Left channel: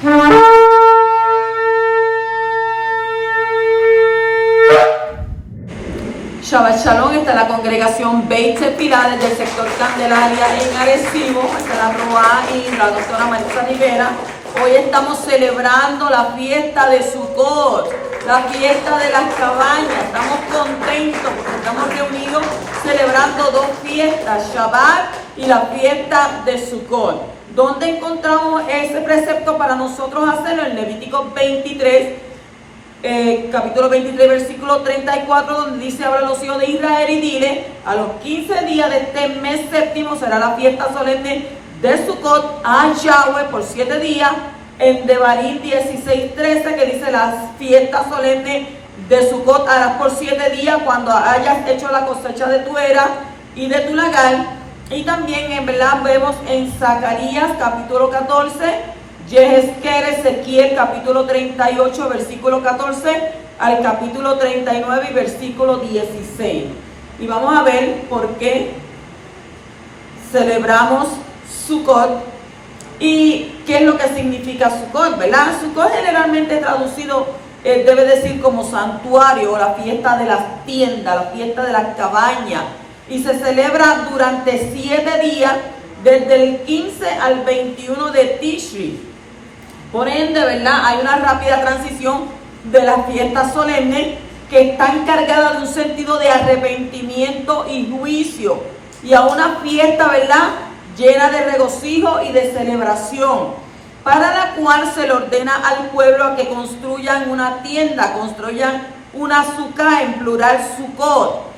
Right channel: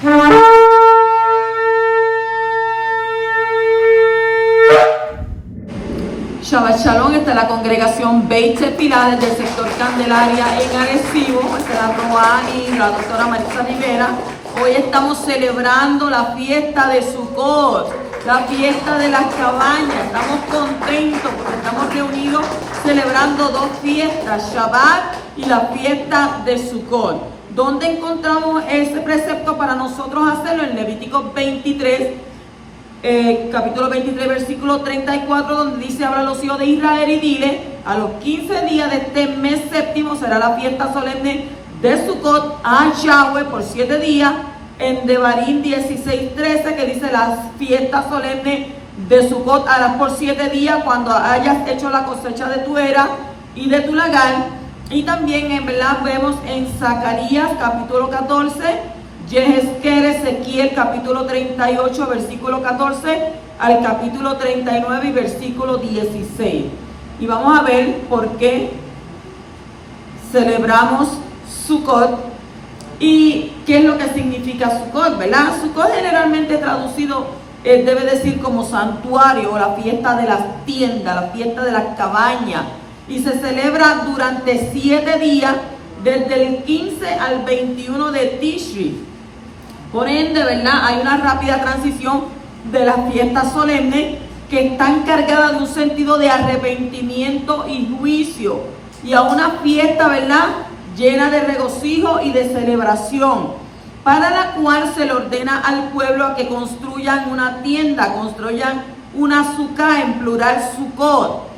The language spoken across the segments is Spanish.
Shabbat Shalom, está la congregación Beit Pilares del sector Candelaria en Arecibo, está la Roa y la doctora Marisa Rivera. Hoy estamos celebrando la fiesta de Sukkot, la fiesta de las cabañas. Estamos contentos porque estamos reunidos celebrando dos fiestas, Shabbat y la fiesta de Sukkot. ¿Dónde encontramos ese precepto para nosotros hacerlo? En Levítico 23, capítulo 23, versículo 34, donde dice: habla a los hijos de Israel y dile, a los 15 días de este mes séptimo será la fiesta solemne de Sukkot a Yahweh por 7 días. En Devarim 16:13, que dice: las fiestas solemnes de Sukkot harás por 7 días cuando hayas hecho la cosecha de tu era y de tu lagar. Y también en verdad vemos en Zacarías capítulo 14, Yehezkel, Ezequiel capítulo 38 versículo 14 al capítulo 39 y versículo 16. Y vamos a ver por qué celebramos Sukkot y qué es lo que significa Sukkot, ¿verdad? Sukkot generalmente traducido debe decir como santuario, o la fiesta de las tiendas, la fiesta de las cabañas, y se celebra durante 7 días desde el 15 al 21 de Tishri. Por ende, ¿verdad?, hay una rápida transición de las fiestas solemnes que están cargadas de un sentido de arrepentimiento y juicio, y a una fiesta, ¿verdad?, llena de regocijo y de celebración, para la cual se le ordena al pueblo a que construyan una tienda, construyan una sukkah, en plural Sukkot,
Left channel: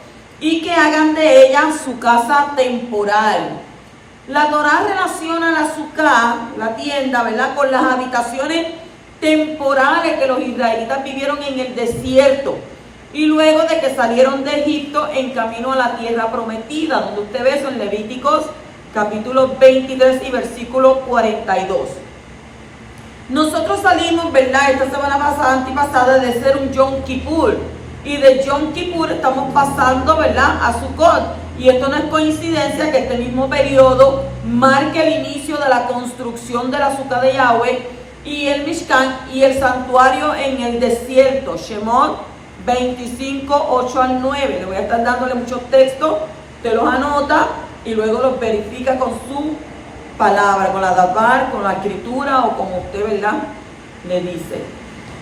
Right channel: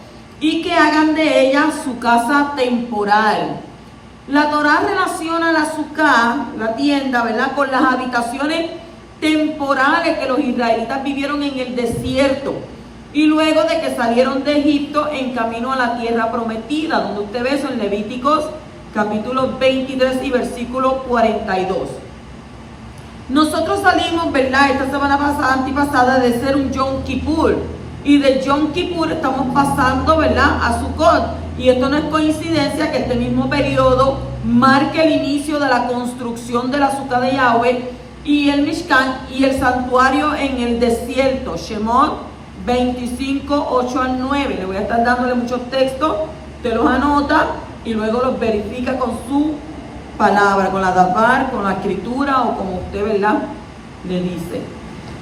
y que hagan de ella su casa temporal. La Torá relaciona la sukkah, la tienda, ¿verdad?, con las habitaciones temporales que los israelitas vivieron en el desierto y luego de que salieron de Egipto en camino a la tierra prometida, donde usted ve eso en Levíticos capítulo 23 y versículo 42. Nosotros salimos, ¿verdad?, esta semana pasada, antipasada, de ser un Yom Kippur, y de Yom Kippur estamos pasando, ¿verdad?, a Sukkot. Y esto no es coincidencia que este mismo periodo marque el inicio de la construcción de la Sukkah de Yahweh y el Mishkan y el santuario en el desierto. Shemot 25, 8 al 9. Le voy a estar dándole muchos textos, te los anota y luego los verifica con su palabra, con la davar, con la escritura o como usted, ¿verdad?, le dice.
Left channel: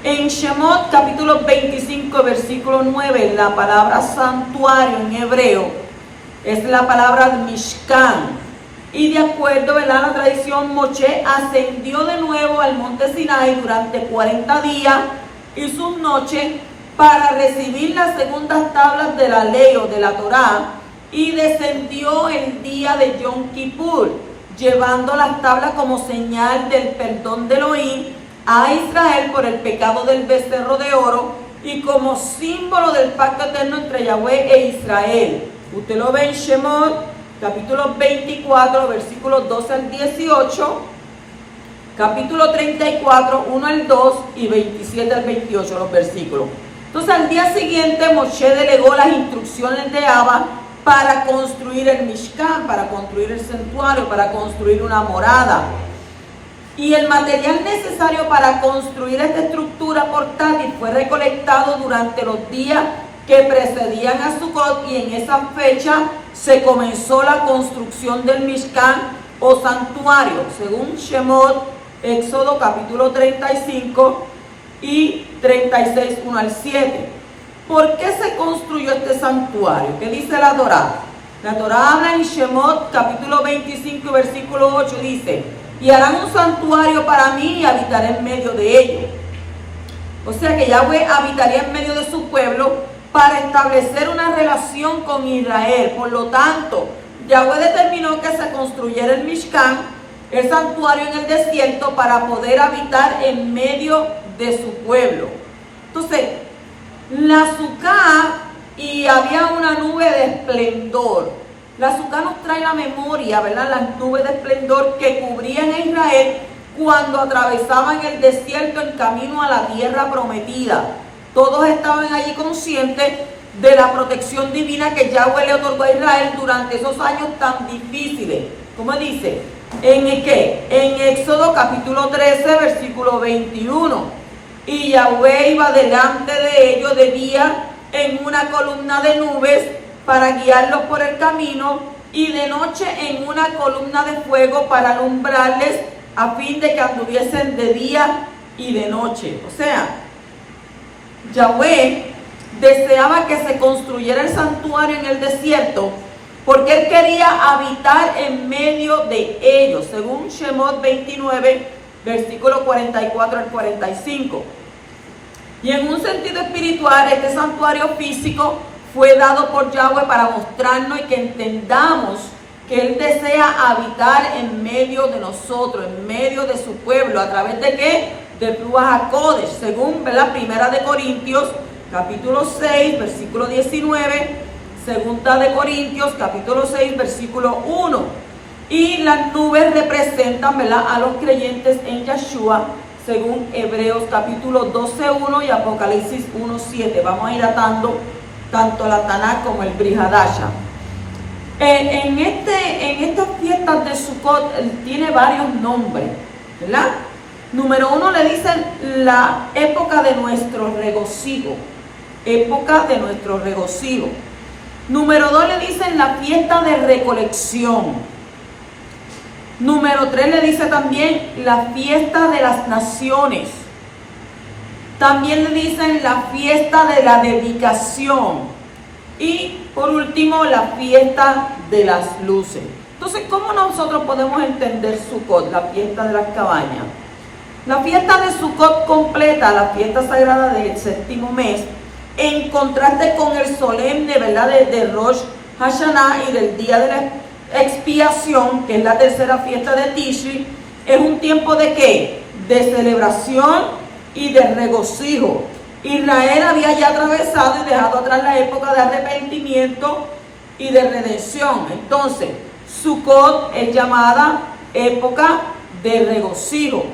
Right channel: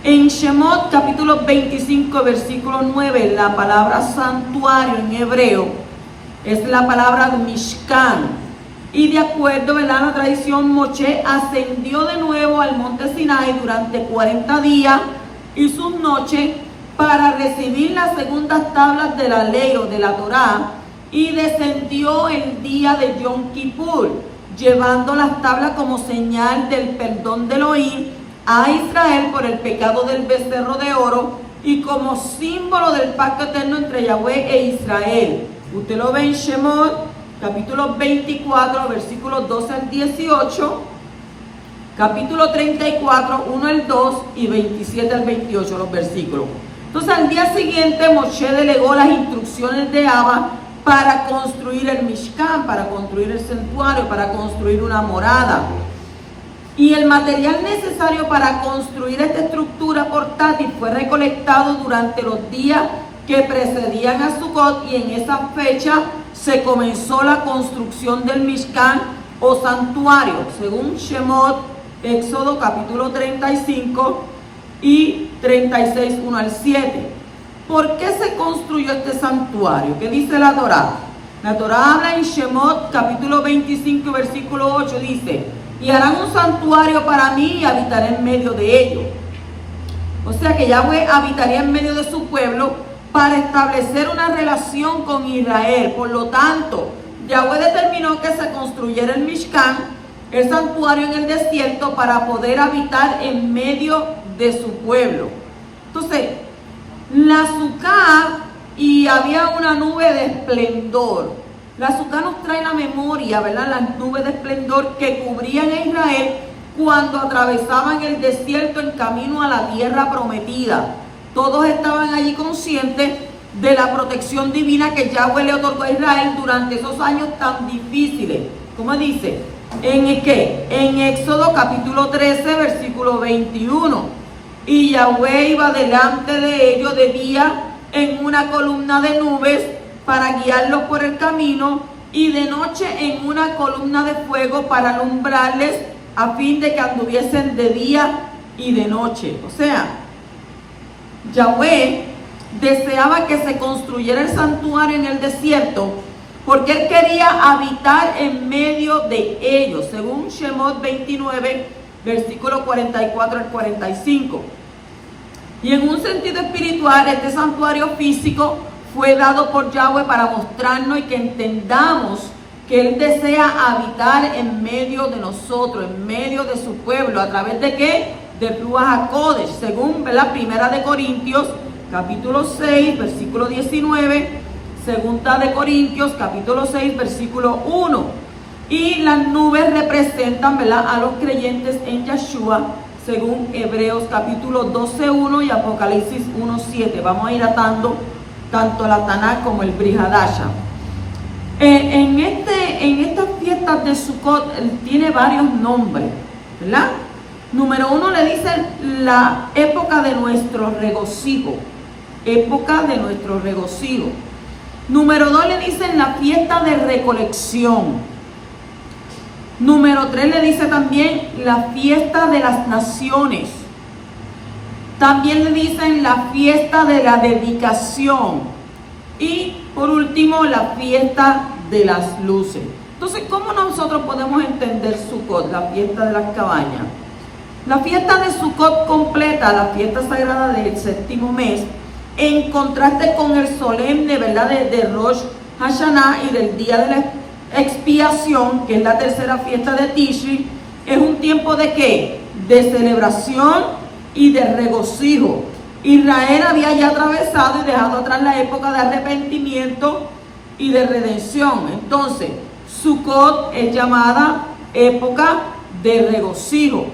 En Shemot capítulo 25 versículo 9, la palabra santuario en hebreo es la palabra Mishkan. Y de acuerdo, ¿verdad?, a la tradición, Moshe ascendió de nuevo al monte Sinai durante 40 días y sus noches para recibir las segundas tablas de la ley o de la Torá, y descendió el día de Yom Kippur, llevando las tablas como señal del perdón de Elohim a Israel por el pecado del becerro de oro y como símbolo del pacto eterno entre Yahweh e Israel. Usted lo ve en Shemot, capítulo 24, versículos 12 al 18, capítulo 34, 1 al 2 y 27 al 28, los versículos. Entonces, al día siguiente, Moshe delegó las instrucciones de Abba para construir el Mishkan, para construir el santuario, para construir una morada. Y el material necesario para construir esta estructura portátil fue recolectado durante los días que precedían a Sukkot, y en esa fecha se comenzó la construcción del Mishkan o santuario, según Shemot, Éxodo capítulo 35 y 36, 1 al 7. ¿Por qué se construyó este santuario? ¿Qué dice la Torá? La Torá habla en Shemot capítulo 25 versículo 8, dice: y harán un santuario para mí y habitaré en medio de ellos. O sea que Yahweh habitaría en medio de su pueblo para establecer una relación con Israel. Por lo tanto, Yahweh determinó que se construyera el Mishkan, el santuario en el desierto, para poder habitar en medio de su pueblo. Entonces, la Sukkah, y había una nube de esplendor. La Sukkah nos trae la memoria, ¿verdad?, las nubes de esplendor que cubrían a Israel cuando atravesaban el desierto en camino a la tierra prometida. Todos estaban allí conscientes de la protección divina que Yahweh le otorgó a Israel durante esos años tan difíciles. Como dice, ¿En qué? En Éxodo capítulo 13, versículo 21. Y Yahweh iba delante de ellos de día en una columna de nubes para guiarlos por el camino, y de noche en una columna de fuego para alumbrarles, a fin de que anduviesen de día y de noche. O sea, Yahweh deseaba que se construyera el santuario en el desierto, porque él quería habitar en medio de ellos, según Shemot 29, versículo 44 al 45. Y en un sentido espiritual, este santuario físico fue dado por Yahweh para mostrarnos y que entendamos que Él desea habitar en medio de nosotros, en medio de su pueblo. ¿A través de qué? De Ruach HaKodesh, según la Primera de Corintios, capítulo 6, versículo 19, Segunda de Corintios, capítulo 6, versículo 1. Y las nubes representan, ¿verdad?, a los creyentes en Yeshua, según Hebreos capítulo 12, 1 y Apocalipsis 1, 7. Vamos a ir atando tanto la Tanakh como el Brit Hadasha. En estas fiestas de Sukkot tiene varios nombres, ¿verdad? Número 1 le dicen la época de nuestro regocijo. Época de nuestro regocijo. Número 2 le dicen la fiesta de recolección. Número 3 le dice también la fiesta de las naciones. También le dicen la fiesta de la dedicación. Y por último, la fiesta de las luces. Entonces, ¿cómo nosotros podemos entender Sukkot, la fiesta de las cabañas? La fiesta de Sukkot completa la fiesta sagrada del séptimo mes, en contraste con el solemne, ¿verdad?, de Rosh Hashanah y del día de la expiación, que es la tercera fiesta de Tishri. Es un tiempo de ¿qué? De celebración y de regocijo. Israel había ya atravesado y dejado atrás la época de arrepentimiento y de redención. Entonces, Sukkot es llamada época de regocijo.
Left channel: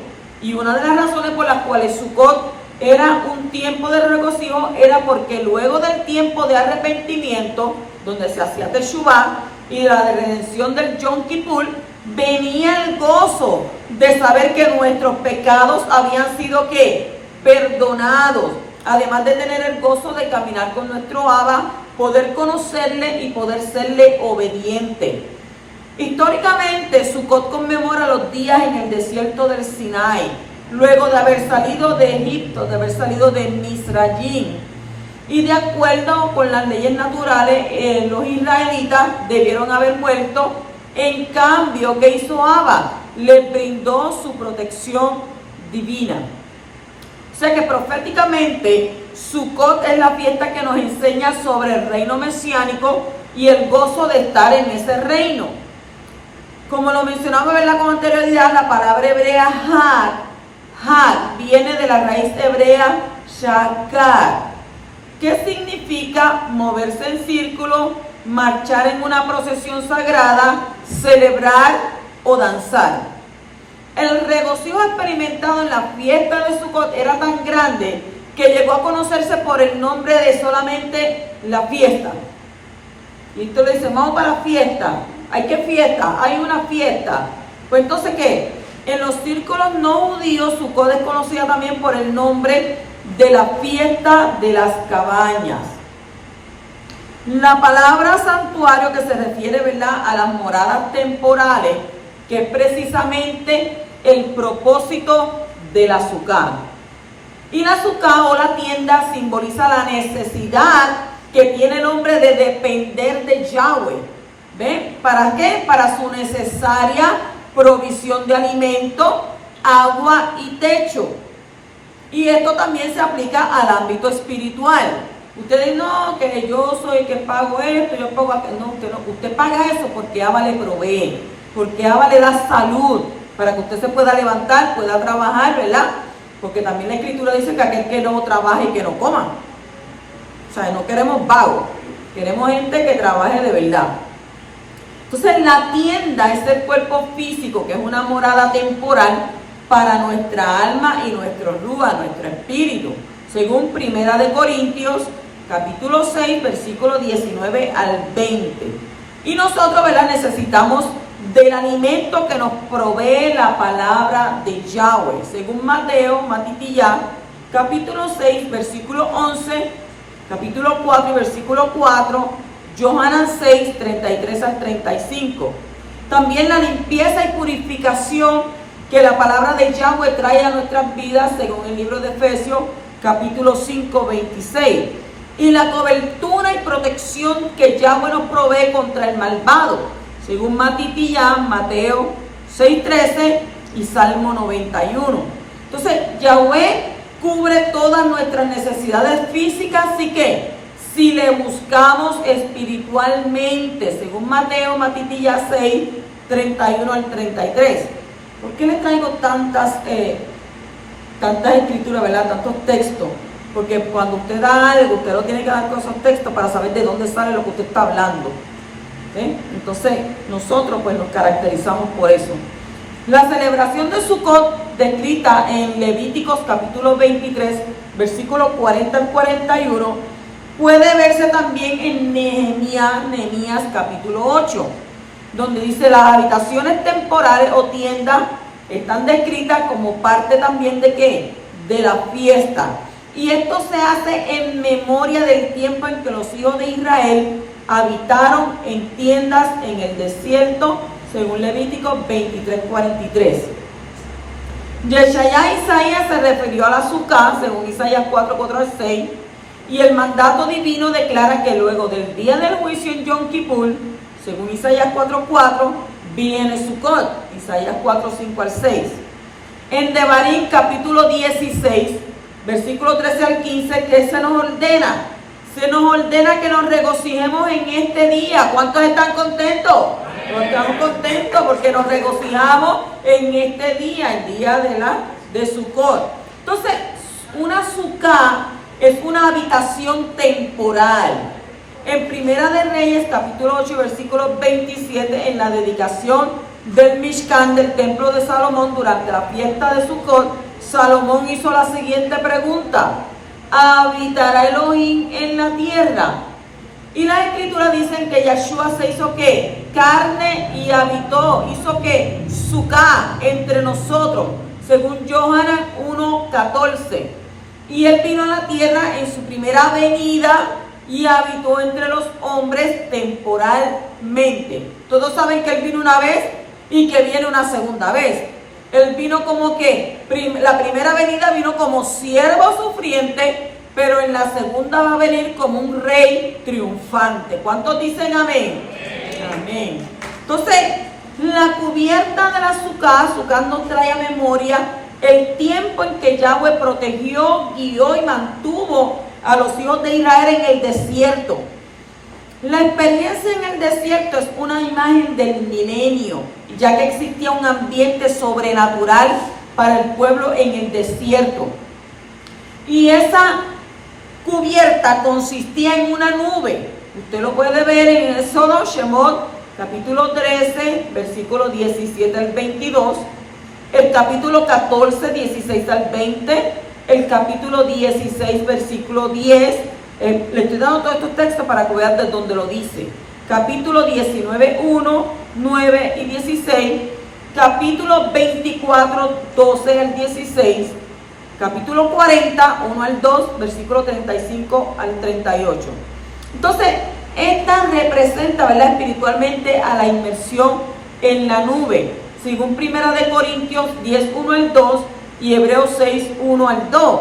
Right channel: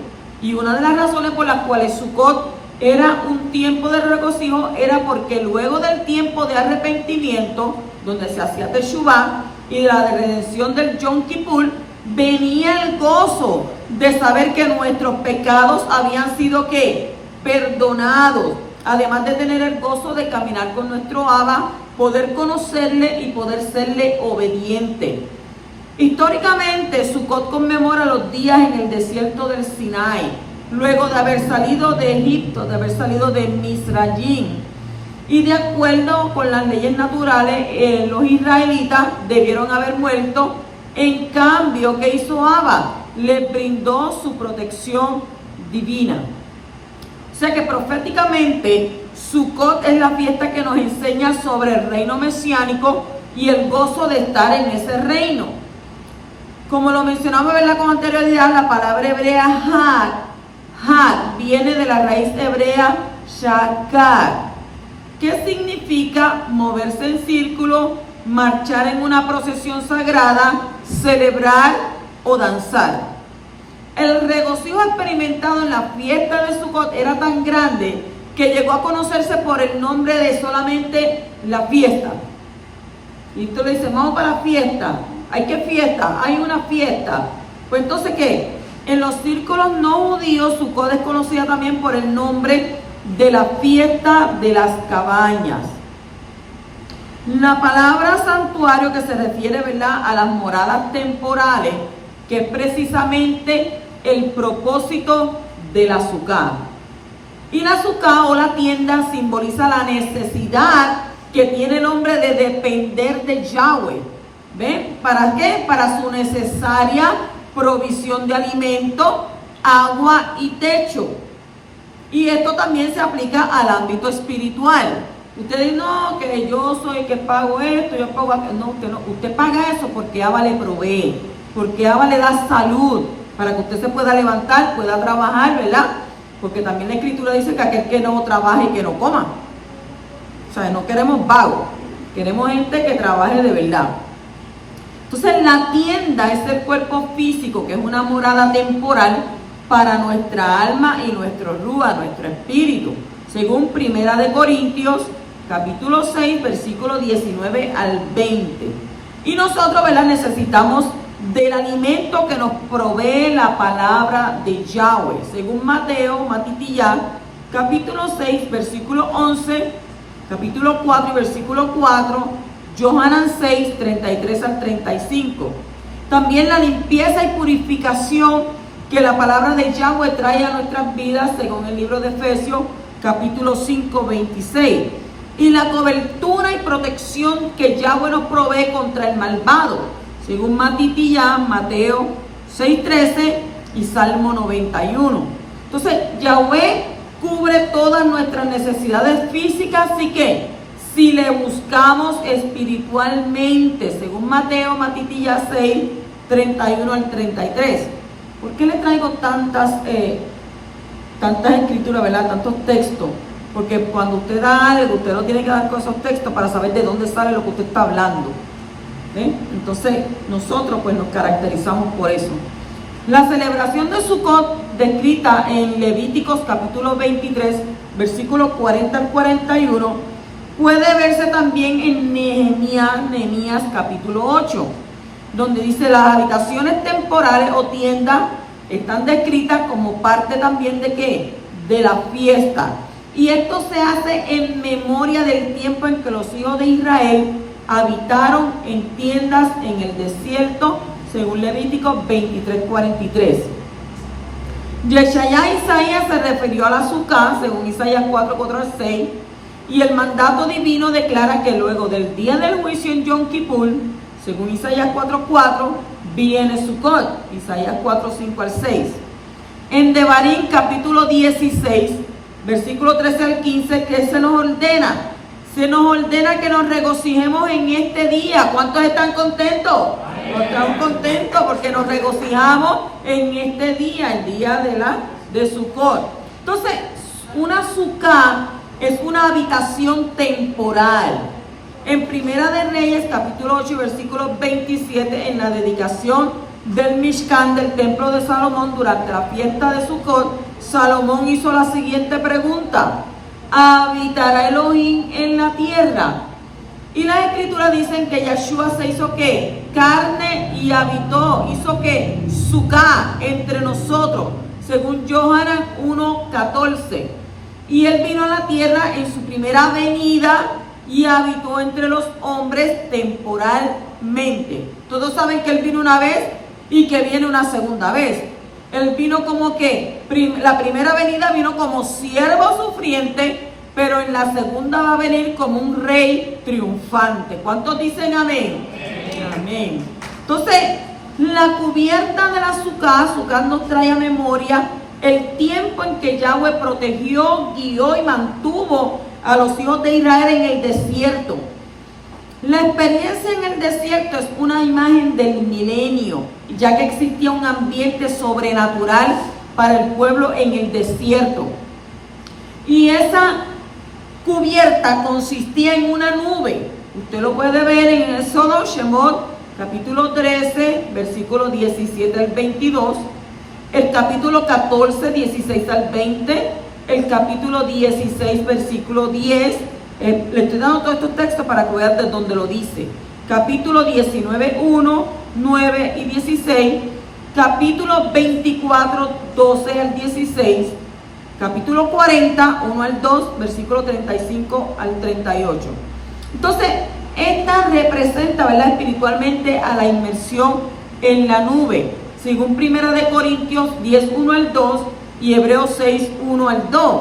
Y una de las razones por las cuales Sukkot era un tiempo de regocijo era porque luego del tiempo de arrepentimiento, donde se hacía Teshuvah, y de la redención del Yom Kippur, venía el gozo de saber que nuestros pecados habían sido ¿qué? Perdonados. Además de tener el gozo de caminar con nuestro Abba, poder conocerle y poder serle obediente. Históricamente, Sukkot conmemora los días en el desierto del Sinai, luego de haber salido de Egipto, de haber salido de Misrayim. Y de acuerdo con las leyes naturales, los israelitas debieron haber muerto. En cambio, ¿qué hizo Abba? Les brindó su protección divina. O sea que proféticamente, Sukkot es la fiesta que nos enseña sobre el reino mesiánico y el gozo de estar en ese reino. Como lo mencionamos, ¿verdad?, con anterioridad, la palabra hebrea Hag viene de la raíz hebrea Shakar, que significa moverse en círculo, marchar en una procesión sagrada, celebrar o danzar. El regocijo experimentado en la fiesta de Sukkot era tan grande que llegó a conocerse por el nombre de solamente la fiesta. Y tú le dices, vamos para la fiesta. ¿Hay qué fiesta? Hay una fiesta. Pues entonces, ¿qué? En los círculos no judíos, Sukkot es conocida también por el nombre de la fiesta de las cabañas. La palabra santuario, que se refiere, ¿verdad?, a las moradas temporales, que es precisamente el propósito de la Sukkah. Y la Sukkah o la tienda simboliza la necesidad que tiene el hombre de depender de Yahweh. ¿Ven? ¿Para qué? Para su necesaria provisión de alimento, agua y techo. Y esto también se aplica al ámbito espiritual. Ustedes no, que yo soy el que pago esto, yo pago aquello. No, usted no. Usted paga eso porque Abba le provee, porque Abba le da salud, para que usted se pueda levantar, pueda trabajar, ¿verdad? Porque también la Escritura dice que aquel que no trabaje y que no coma. O sea, no queremos vagos, queremos gente que trabaje de verdad. Entonces, la tienda es el cuerpo físico, que es una morada temporal para nuestra alma y nuestro ruach, nuestro espíritu, según Primera de Corintios, capítulo 6, versículo 19 al 20. Y nosotros, ¿verdad?, necesitamos del alimento que nos provee la palabra de Yahweh. Según Mateo, Matitiyah, capítulo 6, versículo 11, capítulo 4 y versículo 4, Yohanan 6, 33 al 35. También la limpieza y purificación que la palabra de Yahweh trae a nuestras vidas, según el libro de Efesios, capítulo 5, 26. Y la cobertura y protección que Yahweh nos provee contra el malvado, según Matitiyah, Mateo 6:13 y Salmo 91. Entonces, Yahweh cubre todas nuestras necesidades físicas, así que si le buscamos espiritualmente, según Mateo, Matitiyah 6, 31 al 33. ¿Por qué le traigo tantas escrituras, verdad? Tantos textos. Porque cuando usted da algo, usted lo tiene que dar con esos textos para saber de dónde sale lo que usted está hablando. Entonces, nosotros pues nos caracterizamos por eso. La celebración de Sukkot, descrita en Levíticos capítulo 23, versículos 40 al 41, puede verse también en Nehemías capítulo 8, donde dice: las habitaciones temporales o tiendas están descritas como parte también de ¿qué? De la fiesta. Y esto se hace en memoria del tiempo en que los hijos de Israel habitaron en tiendas en el desierto, según Levítico 23:43. Yeshayá Isaías se refirió a la Sukkah, según Isaías 4:4 al 6, y el mandato divino declara que luego del día del juicio en Yom Kippur, según Isaías 4:4, viene Sukkot, Isaías 4:5 al 6. En Devarim capítulo 16, versículo 13 al 15, ¿qué se nos ordena? Se nos ordena que nos regocijemos en este día. ¿Cuántos están contentos? Estamos contentos porque nos regocijamos en este día, el día de Sukkot. Entonces, una Sukkah es una habitación temporal. En Primera de Reyes, capítulo 8, versículo 27, en la dedicación del Mishkan, del templo de Salomón, durante la fiesta de Sukkot, Salomón hizo la siguiente pregunta: ¿habitará Elohim en la tierra? Y las escrituras dicen que Yeshua se hizo ¿qué? Carne y habitó, hizo ¿qué? Sukkah entre nosotros, según Yohanan 1:14. Y él vino a la tierra en su primera venida y habitó entre los hombres temporalmente. Todos saben que él vino una vez y que viene una segunda vez. Él vino como que, la primera venida vino como siervo sufriente, pero en la segunda va a venir como un rey triunfante. ¿Cuántos dicen amén? Amén. Entonces, la cubierta de la Sukkah nos trae a memoria el tiempo en que Yahweh protegió, guió y mantuvo a los hijos de Israel en el desierto. La experiencia en el desierto es una imagen del milenio, ya que existía un ambiente sobrenatural para el pueblo en el desierto. Y esa cubierta consistía en una nube. Usted lo puede ver en Éxodo, Shemot, capítulo 13, versículos 17 al 22, el capítulo 14, 16 al 20, el capítulo 16, versículo 10. Le estoy dando todos estos textos para que vean de dónde lo dice. Capítulo 19, 1, 9 y 16. Capítulo 24, 12 al 16. Capítulo 40, 1 al 2, versículo 35 al 38. Entonces, esta representa, ¿verdad?, espiritualmente a la inmersión en la nube, según Primera de Corintios 10, 1 al 2 y Hebreos 6, 1 al 2.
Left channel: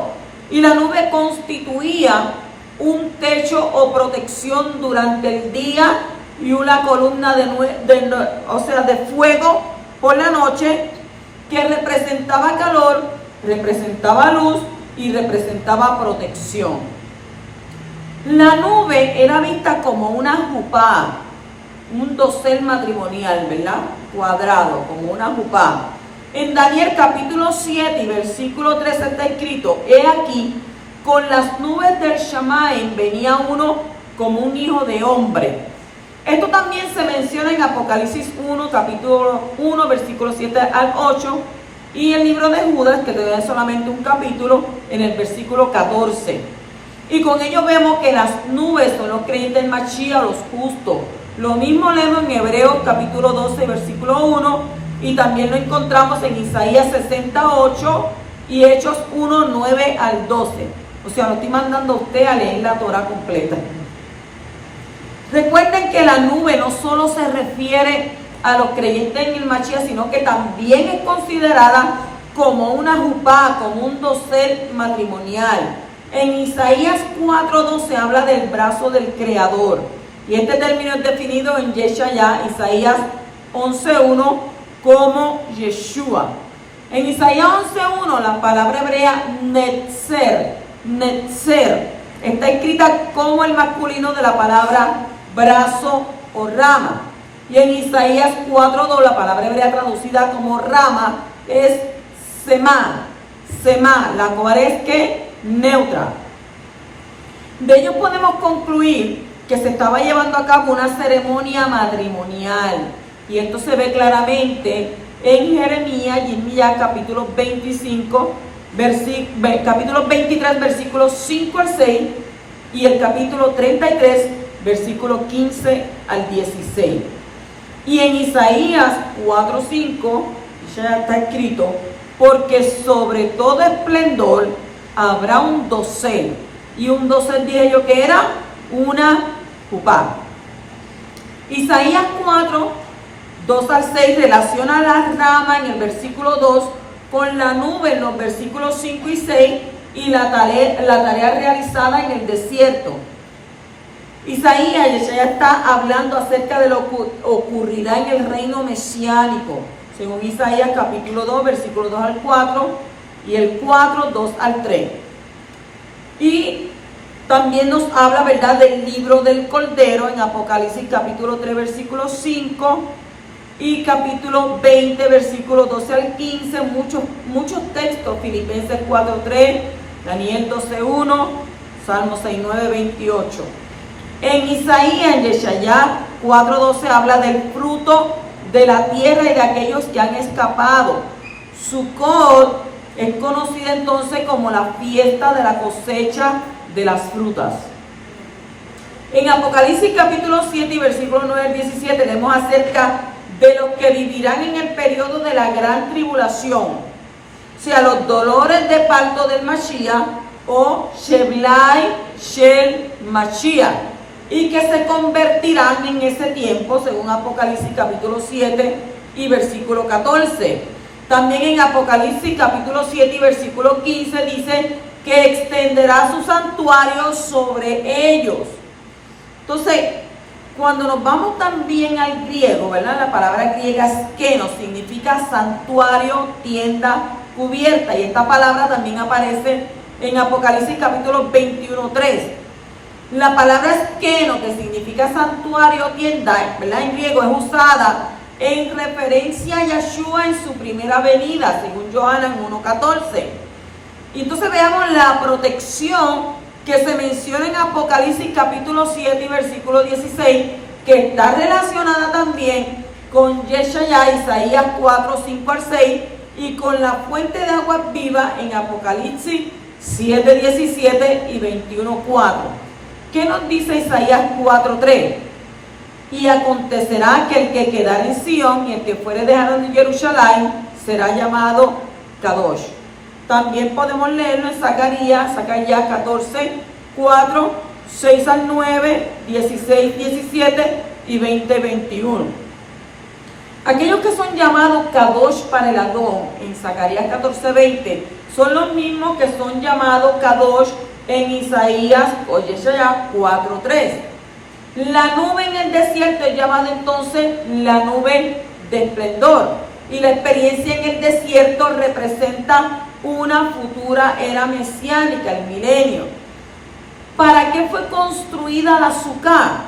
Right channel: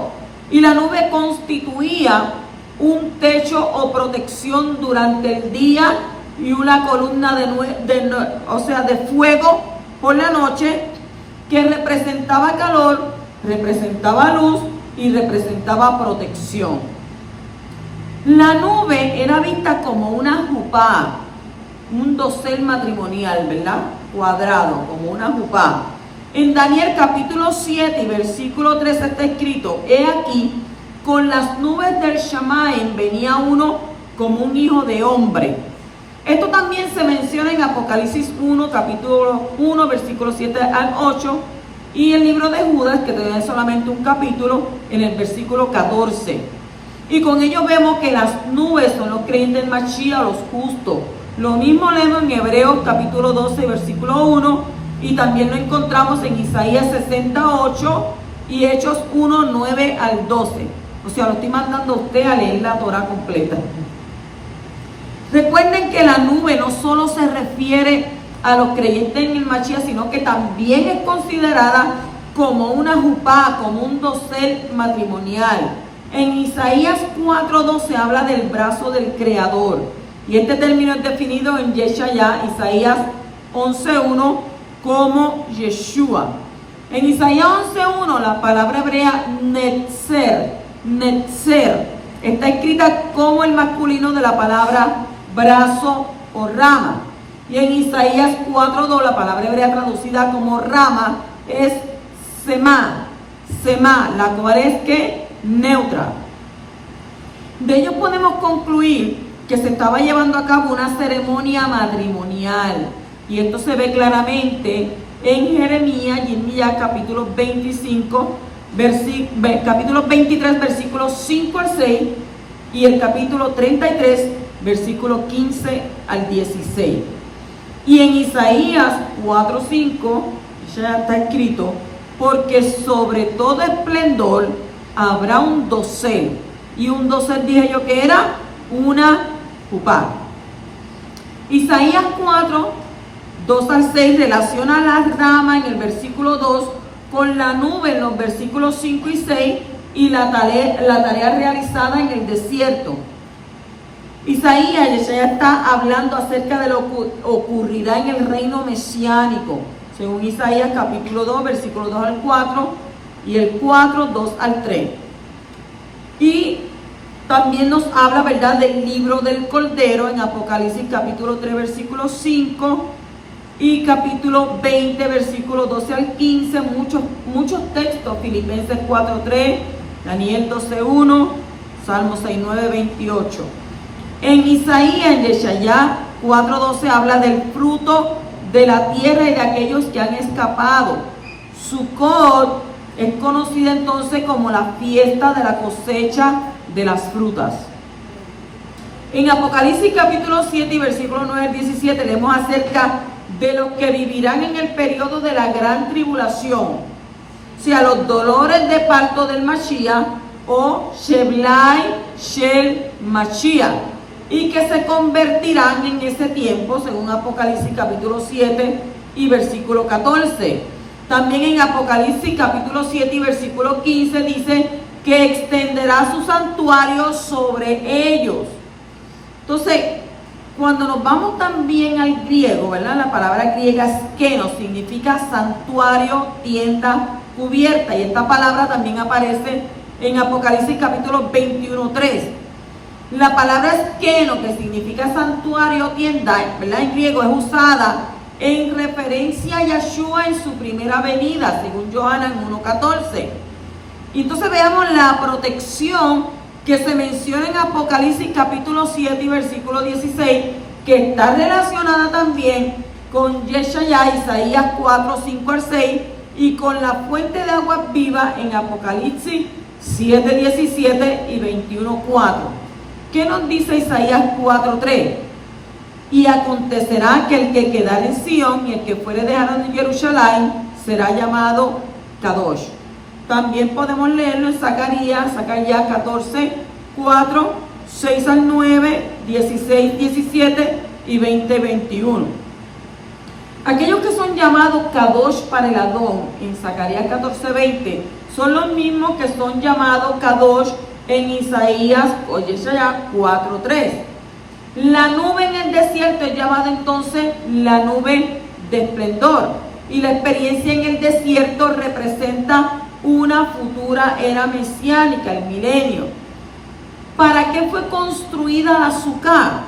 Y la nube constituía un techo o protección durante el día y una columna de fuego por la noche, que representaba calor, representaba luz y representaba protección. La nube era vista como una jupá, un dosel matrimonial, ¿verdad? Cuadrado, como una jupá. En Daniel capítulo 7 y versículo 13 está escrito: he aquí, con las nubes del Shamaim venía uno como un hijo de hombre. Esto también se menciona en Apocalipsis 1, capítulo 1, versículo 7 al 8, y el libro de Judas, que tiene solamente un capítulo, en el versículo 14. Y con ello vemos que las nubes son los creyentes del Mashiach, los justos, Lo mismo leemos en Hebreos capítulo 12, versículo 1, y también lo encontramos en Isaías 68 y Hechos 1, 9 al 12. O sea, lo estoy mandando a usted a leer la Torah completa. Recuerden que la nube no solo se refiere a los creyentes en el Mashiach, sino que también es considerada como una jupá, como un dosel matrimonial. En Isaías 4:12 habla del brazo del Creador. Y este término es definido en Yeshaya, Isaías 11:1, como Yeshua. En Isaías 11:1 la palabra hebrea netzer está escrita como el masculino de la palabra brazo o rama. Y en Isaías 4:2 la palabra hebrea traducida como rama es semá, la cual es que neutra. De ello podemos concluir que se estaba llevando a cabo una ceremonia matrimonial. Y esto se ve claramente en Jeremías y en Miqueas capítulo 25, capítulo 23, versículos 5 al 6, y el capítulo 33, versículos 15 al 16. Y en Isaías 4:5 ya está escrito: porque sobre todo esplendor habrá un dosel. Y un dosel dije yo que era una jupá. Isaías 4:2 al 6 relaciona la rama en el versículo 2 con la nube en los versículos 5 y 6 y la tarea realizada en el desierto. Isaías ya está hablando acerca de lo que ocurrirá en el reino mesiánico, según Isaías capítulo 2, versículo 2 al 4 y el 4, 2 al 3. Y también nos habla, ¿verdad?, del libro del Cordero en Apocalipsis capítulo 3, versículo 5 y capítulo 20, versículo 12 al 15, muchos textos, Filipenses 4:3, Daniel 12:1, Salmo 6:9, 28. En Isaías, en Yeshaya 4:12 habla del fruto de la tierra y de aquellos que han escapado. Sukkot es conocida entonces como la fiesta de la cosecha de las frutas. En Apocalipsis capítulo 7 y versículo 9 al 17 leemos acerca de los que vivirán en el periodo de la gran tribulación, o sea, los dolores de parto del Mashiach o Sheblai Shel Mashiach, y que se convertirán en ese tiempo, según Apocalipsis capítulo 7 y versículo 14. También en Apocalipsis capítulo 7 y versículo 15 dice que extenderá su santuario sobre ellos. Entonces, cuando nos vamos también al griego, ¿verdad? La palabra griega skeno significa santuario, tienda, cubierta. Y esta palabra también aparece en Apocalipsis capítulo 21:3. La palabra skeno, que significa santuario, tienda, ¿verdad?, en griego es usada en referencia a Yeshua en su primera venida, según Yohanan 1:14. Y entonces veamos la protección que se menciona en Apocalipsis capítulo 7 y versículo 16, que está relacionada también con Yeshaya, Isaías 4:5 al 6, y con la fuente de agua viva en Apocalipsis 7:17 y 21:4. ¿Qué nos dice Isaías 4:3? Y acontecerá que el que quedare en Sion y el que fuere dejado en Jerusalén será llamado Kadosh. También podemos leerlo en Zacarías 14:4, 6 al 9, 16, 17 y 20, 21. Aquellos que son llamados Kadosh para el Adón en Zacarías 14:20 son los mismos que son llamados Kadosh en Isaías o Yeshaya 4:3. La nube en el desierto es llamada entonces la nube de esplendor, y la experiencia en el desierto representa una futura era mesiánica, el milenio. ¿Para qué fue construida la Sukkah?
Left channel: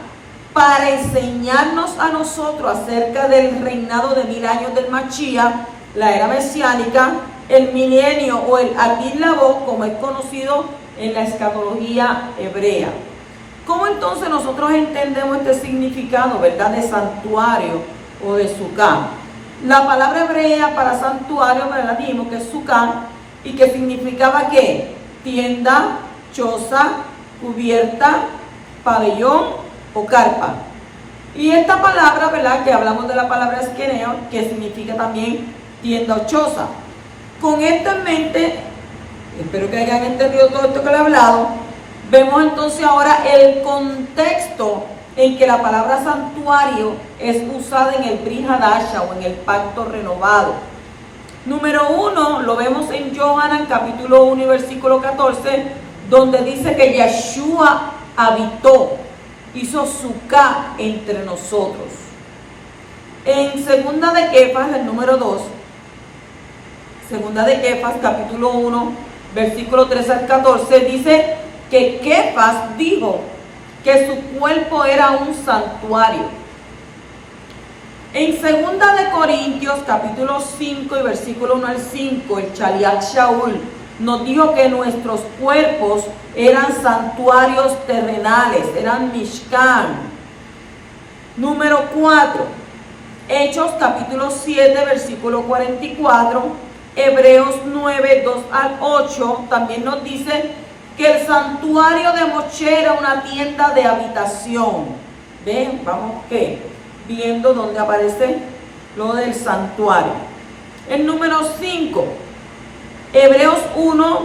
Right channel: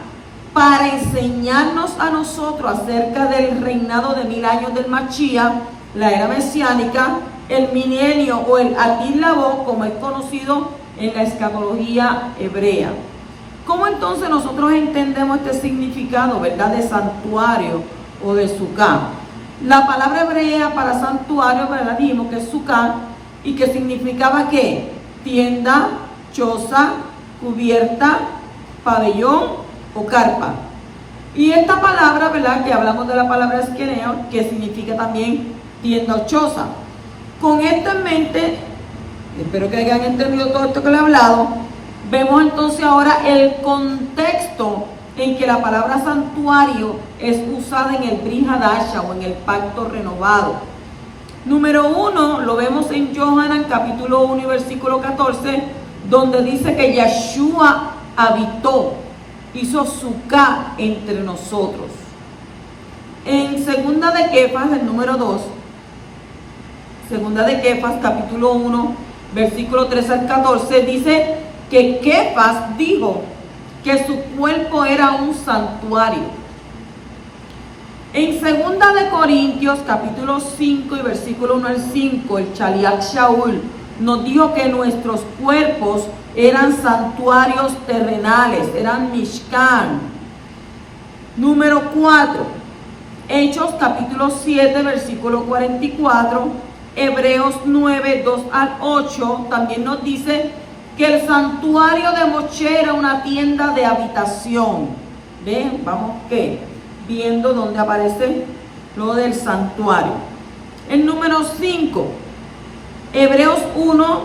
Para enseñarnos a nosotros acerca del reinado de 1000 años del Mashiach, la era mesiánica, el milenio o el Atil Labó, como es conocido en la escatología hebrea. ¿Cómo entonces nosotros entendemos este significado, verdad, de santuario o de Sukkah? La palabra hebrea para santuario, ¿verdad?, dijimos que es Sukkah, y que significaba ¿qué? Tienda, choza, cubierta, pabellón o carpa. Y esta palabra, ¿verdad? Que hablamos de la palabra esqueneo, que significa también tienda o choza. Con esto en mente, espero que hayan entendido todo esto que le he hablado, vemos entonces ahora el contexto en que la palabra santuario es usada en el Brit Hadasha o en el pacto renovado. Número 1, lo vemos en Yohanan capítulo 1 y versículo 14, donde dice que Yeshua habitó, hizo suká entre nosotros. En segunda de Kefas, el número 2, segunda de Kefas capítulo 1, versículo 3 al 14, dice que Kefas dijo que su cuerpo era un santuario. En segunda de Corintios, capítulo 5 y versículo 1 al 5, el Shaliach Shaul nos dijo que nuestros cuerpos eran santuarios terrenales, eran Mishkan. Número 4, Hechos, capítulo 7, versículo 44, Hebreos 9, 2 al 8, también nos dice que el santuario de Moshe era una tienda de habitación. ¿Ven? Vamos, ¿qué? Viendo dónde aparece lo del santuario. El número 5, Hebreos 1,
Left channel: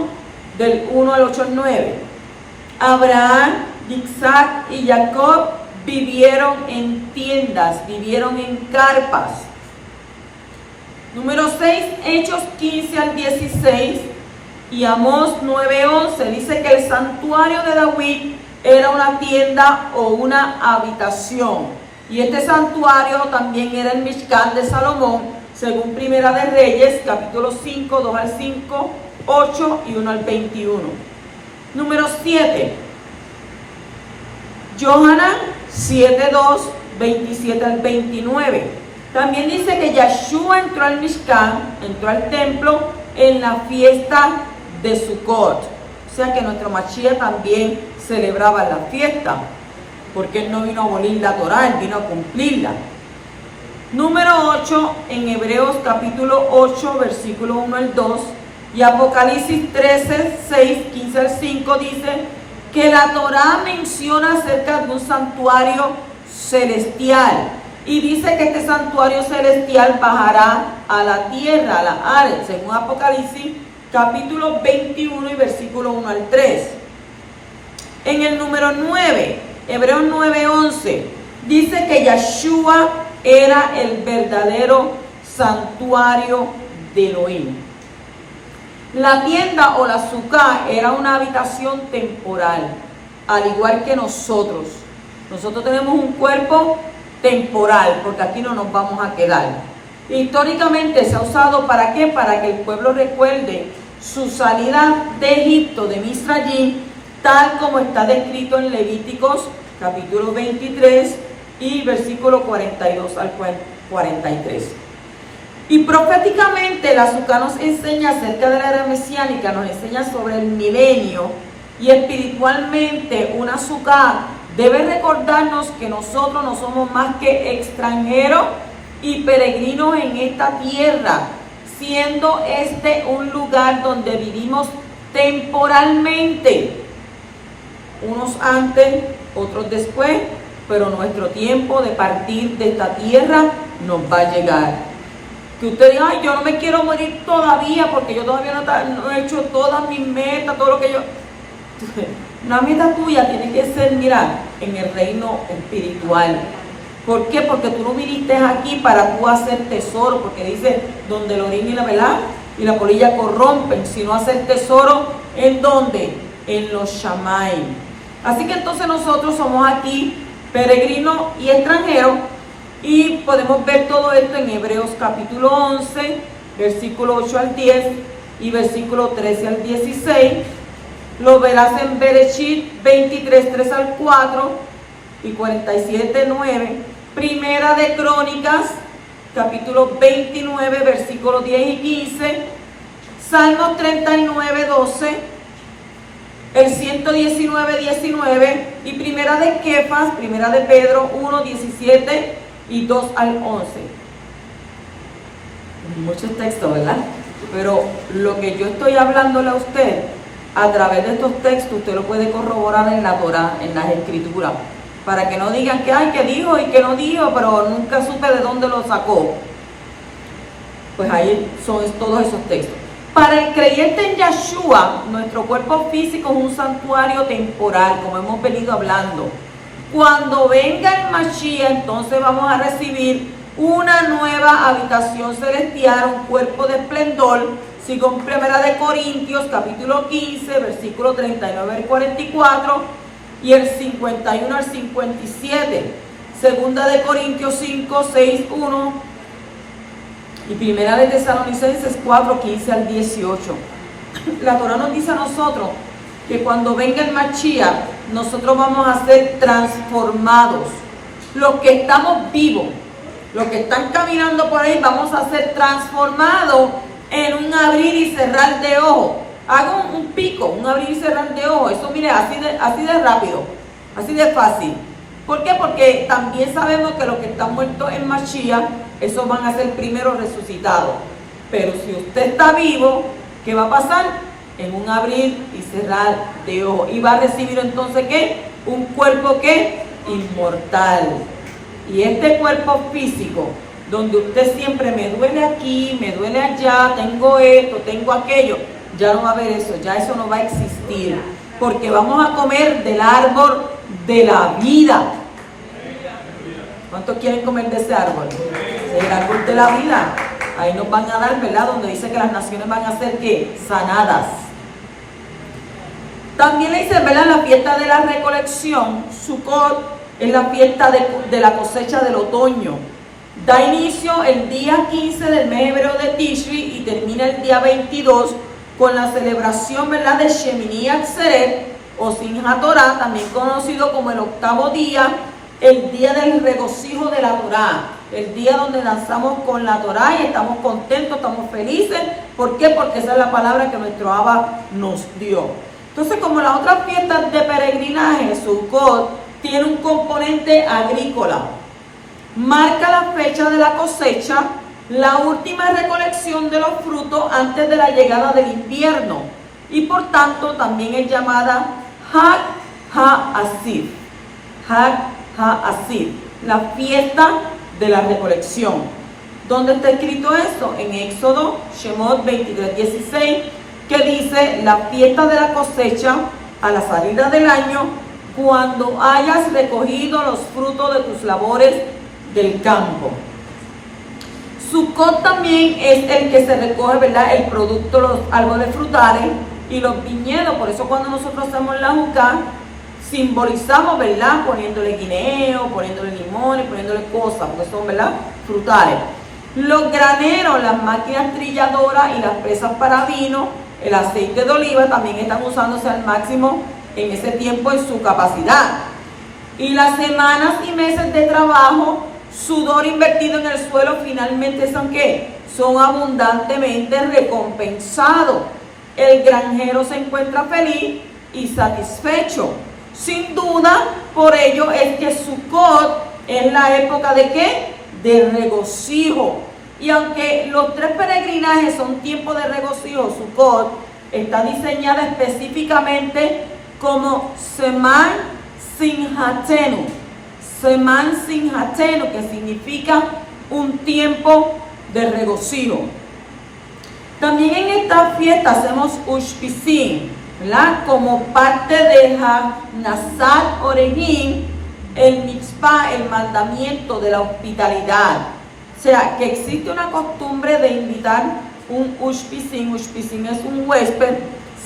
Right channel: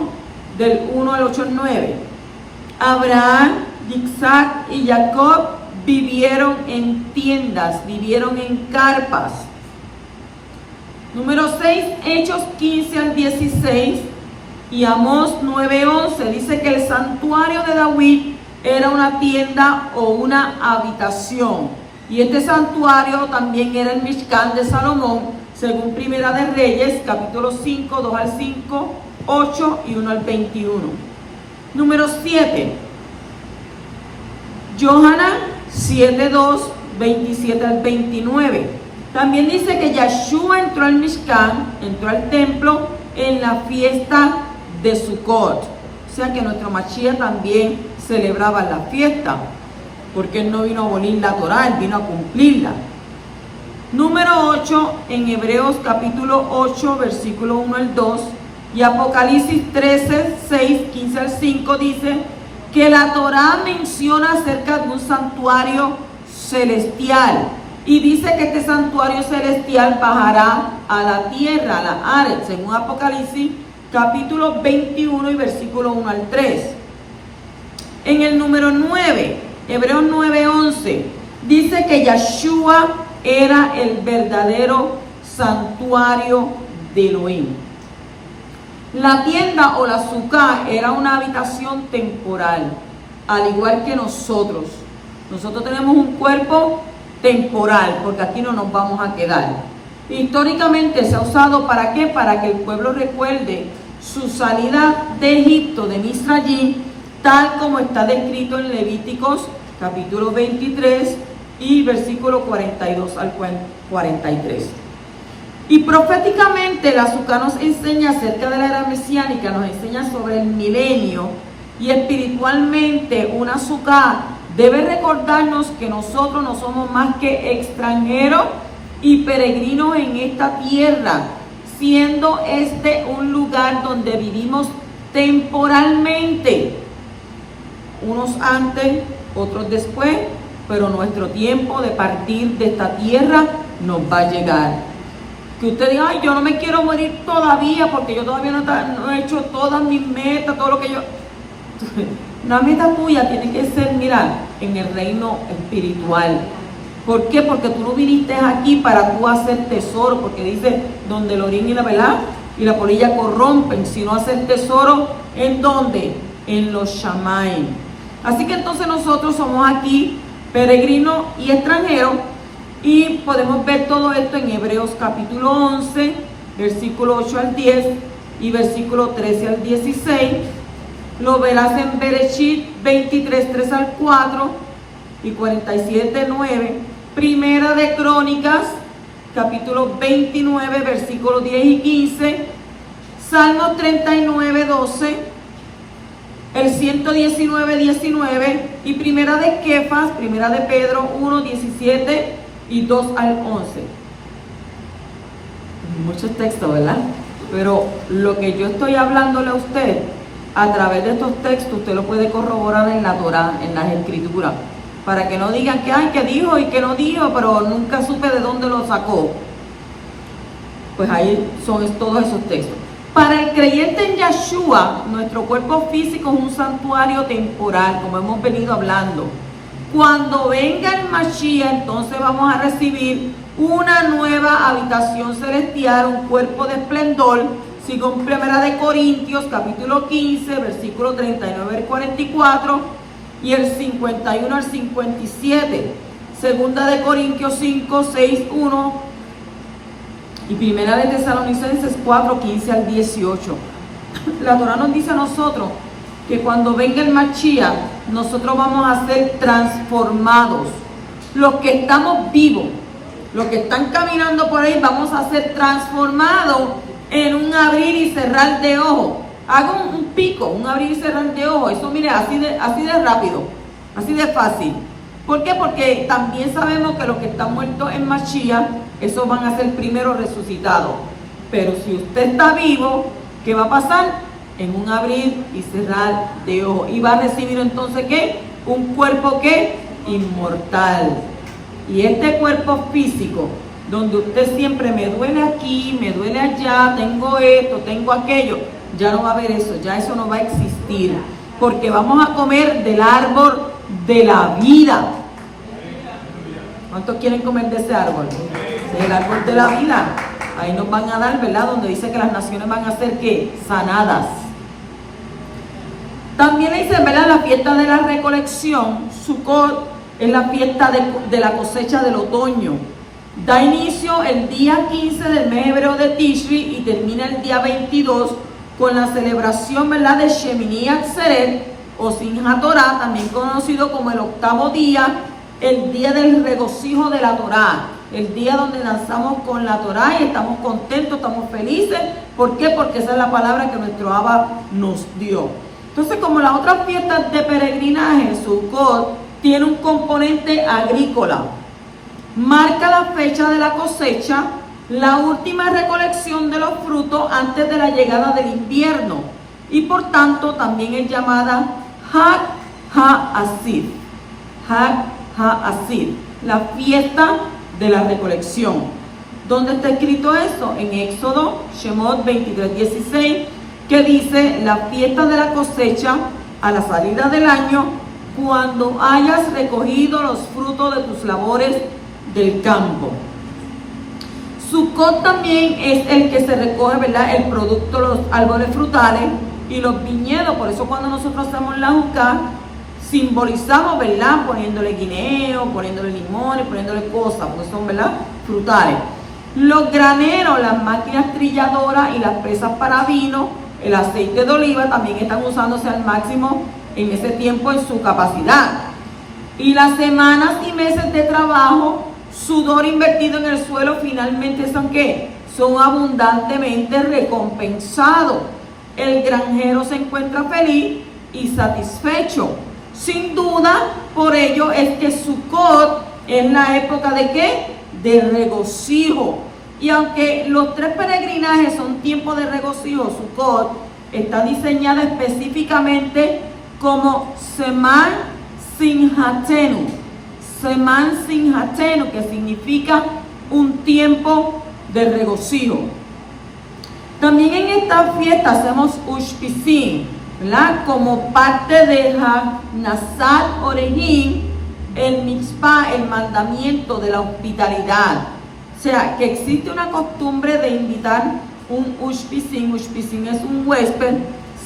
del 1 al 8 al 9. Abraham, Isaac y Jacob vivieron en tiendas, vivieron en carpas. Número 6, Hechos 15 al 16 y Amós 9, 11. Dice que el santuario de David era una tienda o una habitación. Y este santuario también era el Mishkan de Salomón, según Primera de Reyes, capítulo 5, 2 al 5, 8 y 1 al 21. Número 7, Yohanan 7, 2, 27 al 29. También dice que Yeshua entró al Mishkan, entró al templo en la fiesta de Sukkot. O sea que nuestro Mashiach también celebraba la fiesta, porque él no vino a abolir la Torá, él vino a cumplirla. Número 8, en Hebreos capítulo 8, versículo 1 al 2, y Apocalipsis 13, 6, 15 al 5, dice que la Torá menciona acerca de un santuario celestial, y dice que este santuario celestial bajará a la tierra, a la Aretz, según Apocalipsis capítulo 21 y versículo 1 al 3. En el número 9, Hebreos 9:11, dice que Yeshua era el verdadero santuario de Elohim. La tienda o la suká era una habitación temporal, al igual que nosotros. Nosotros tenemos un cuerpo temporal, porque aquí no nos vamos a quedar. Históricamente se ha usado ¿para qué? Para que el pueblo recuerde su salida de Egipto, de Misrayim, tal como está descrito en Levíticos capítulo 23 y versículo 42 al 43. Y proféticamente la suká nos enseña acerca de la era mesiánica, nos enseña sobre el milenio, y espiritualmente una suká debe recordarnos que nosotros no somos más que extranjeros y peregrinos en esta tierra, siendo este un lugar donde vivimos temporalmente, unos antes, otros después, pero nuestro tiempo de partir de esta tierra nos va a llegar. Que usted diga, ay, yo no me quiero morir todavía porque yo todavía no he hecho todas mis metas, todo lo que yo... Una meta tuya tiene que ser, mira, en el reino espiritual. ¿Por qué? Porque tú no viniste aquí para tú hacer tesoro, porque dice, donde el orín y la velá y la polilla corrompen, sino hacer tesoro, ¿en dónde? En los Shamayim. Así que entonces nosotros somos aquí peregrinos y extranjeros, y podemos ver todo esto en Hebreos capítulo 11, versículo 8 al 10 y versículo 13 al 16. Lo verás en Bereshit 23, 3 al 4 y 47, 9. Primera de Crónicas, capítulo 29, versículos 10 y 15. Salmos 39, 12. El 119, 19. Y Primera de Kefas, Primera de Pedro 1, 17 y 2 al 11. Muchos textos, ¿verdad? Pero lo que yo estoy hablándole a usted, a través de estos textos, usted lo puede corroborar en la Torá, en las Escrituras. para que no digan que, ay, que dijo y que no dijo, pero nunca supe de dónde lo sacó. Pues ahí son todos esos textos. Para el creyente en Yeshua, nuestro cuerpo físico es un santuario temporal, como hemos venido hablando. Cuando venga el Mashiach, entonces vamos a recibir una nueva habitación celestial, un cuerpo de esplendor, según 1 Corintios, capítulo 15, versículo 39 al 44, y el 51 al 57. 2 Corintios 5, 6, 1, y 1 Tesalonicenses 4, 15 al 18. La Torah nos dice a nosotros que cuando venga el Mashiach, nosotros vamos a ser transformados. Los que estamos vivos, los que están caminando por ahí, vamos a ser transformados en un abrir y cerrar de ojos. Hago un pico, un abrir y cerrar de ojos. Eso, mire, así de rápido, así de fácil. ¿Por qué? Porque también sabemos que los que están muertos en Mashiach, esos van a ser primero resucitados. Pero si usted está vivo, ¿qué va a pasar? En un abrir y cerrar de ojos. Y va a recibir entonces, ¿qué? Un cuerpo, ¿qué? Inmortal. Y este cuerpo físico, donde usted siempre me duele aquí, me duele allá, tengo esto, tengo aquello, ya no va a haber eso, ya eso no va a existir. Porque vamos a comer del árbol de la vida. ¿Cuántos quieren comer de ese árbol? Del árbol de la vida. Ahí nos van a dar, ¿verdad? Donde dice que las naciones van a ser, ¿qué? Sanadas. También le dicen, ¿verdad? La fiesta de la recolección, Sukkot, es la fiesta de la cosecha del otoño. Da inicio el día 15 del mes hebreo de Tishri y termina el día 22 con la celebración, ¿verdad?, de Shemini Atzeret o Simchat Torah, también conocido como el octavo día, el día del regocijo de la Torah, el día donde danzamos con la Torah y estamos contentos, estamos felices. ¿Por qué? Porque esa es la palabra que nuestro Abba nos dio. Entonces, como las otras fiestas de peregrinaje, Sukkot tiene un componente agrícola. Marca la fecha de la cosecha, la última recolección de los frutos antes de la llegada del invierno. Y por tanto también es llamada Hag HaAsir. Hag HaAsir, la fiesta de la recolección. ¿Dónde está escrito eso? En Éxodo, Shemot 23:16, que dice la fiesta de la cosecha a la salida del año, cuando hayas recogido los frutos de tus labores del campo. Sukkot también es el que se recoge, ¿verdad?, el producto, los árboles frutales y los viñedos. Por eso cuando nosotros hacemos la jucá, simbolizamos, ¿verdad?, poniéndole guineo, poniéndole limones, poniéndole cosas, porque son, ¿verdad?, frutales. Los graneros, las máquinas trilladoras y las presas para vino, el aceite de oliva también están usándose al máximo en ese tiempo en su capacidad. Y las semanas y meses de trabajo, sudor invertido en el suelo, finalmente son ¿qué? Son abundantemente recompensados. El granjero se encuentra feliz y satisfecho. Sin duda, por ello es que Sukkot es la época ¿de qué? De regocijo. Y aunque los tres peregrinajes son tiempos de regocijo, Sukkot está diseñada específicamente como Seman Simchatenu. Seman Simchatenu, que significa un tiempo de regocijo. También en esta fiesta hacemos Ushpisim, ¿verdad?, como parte de Hanasat Orehim, el mitzvah, el mandamiento de la hospitalidad. O sea, que existe una costumbre de invitar un Ushpisim. Ushpisim es un huésped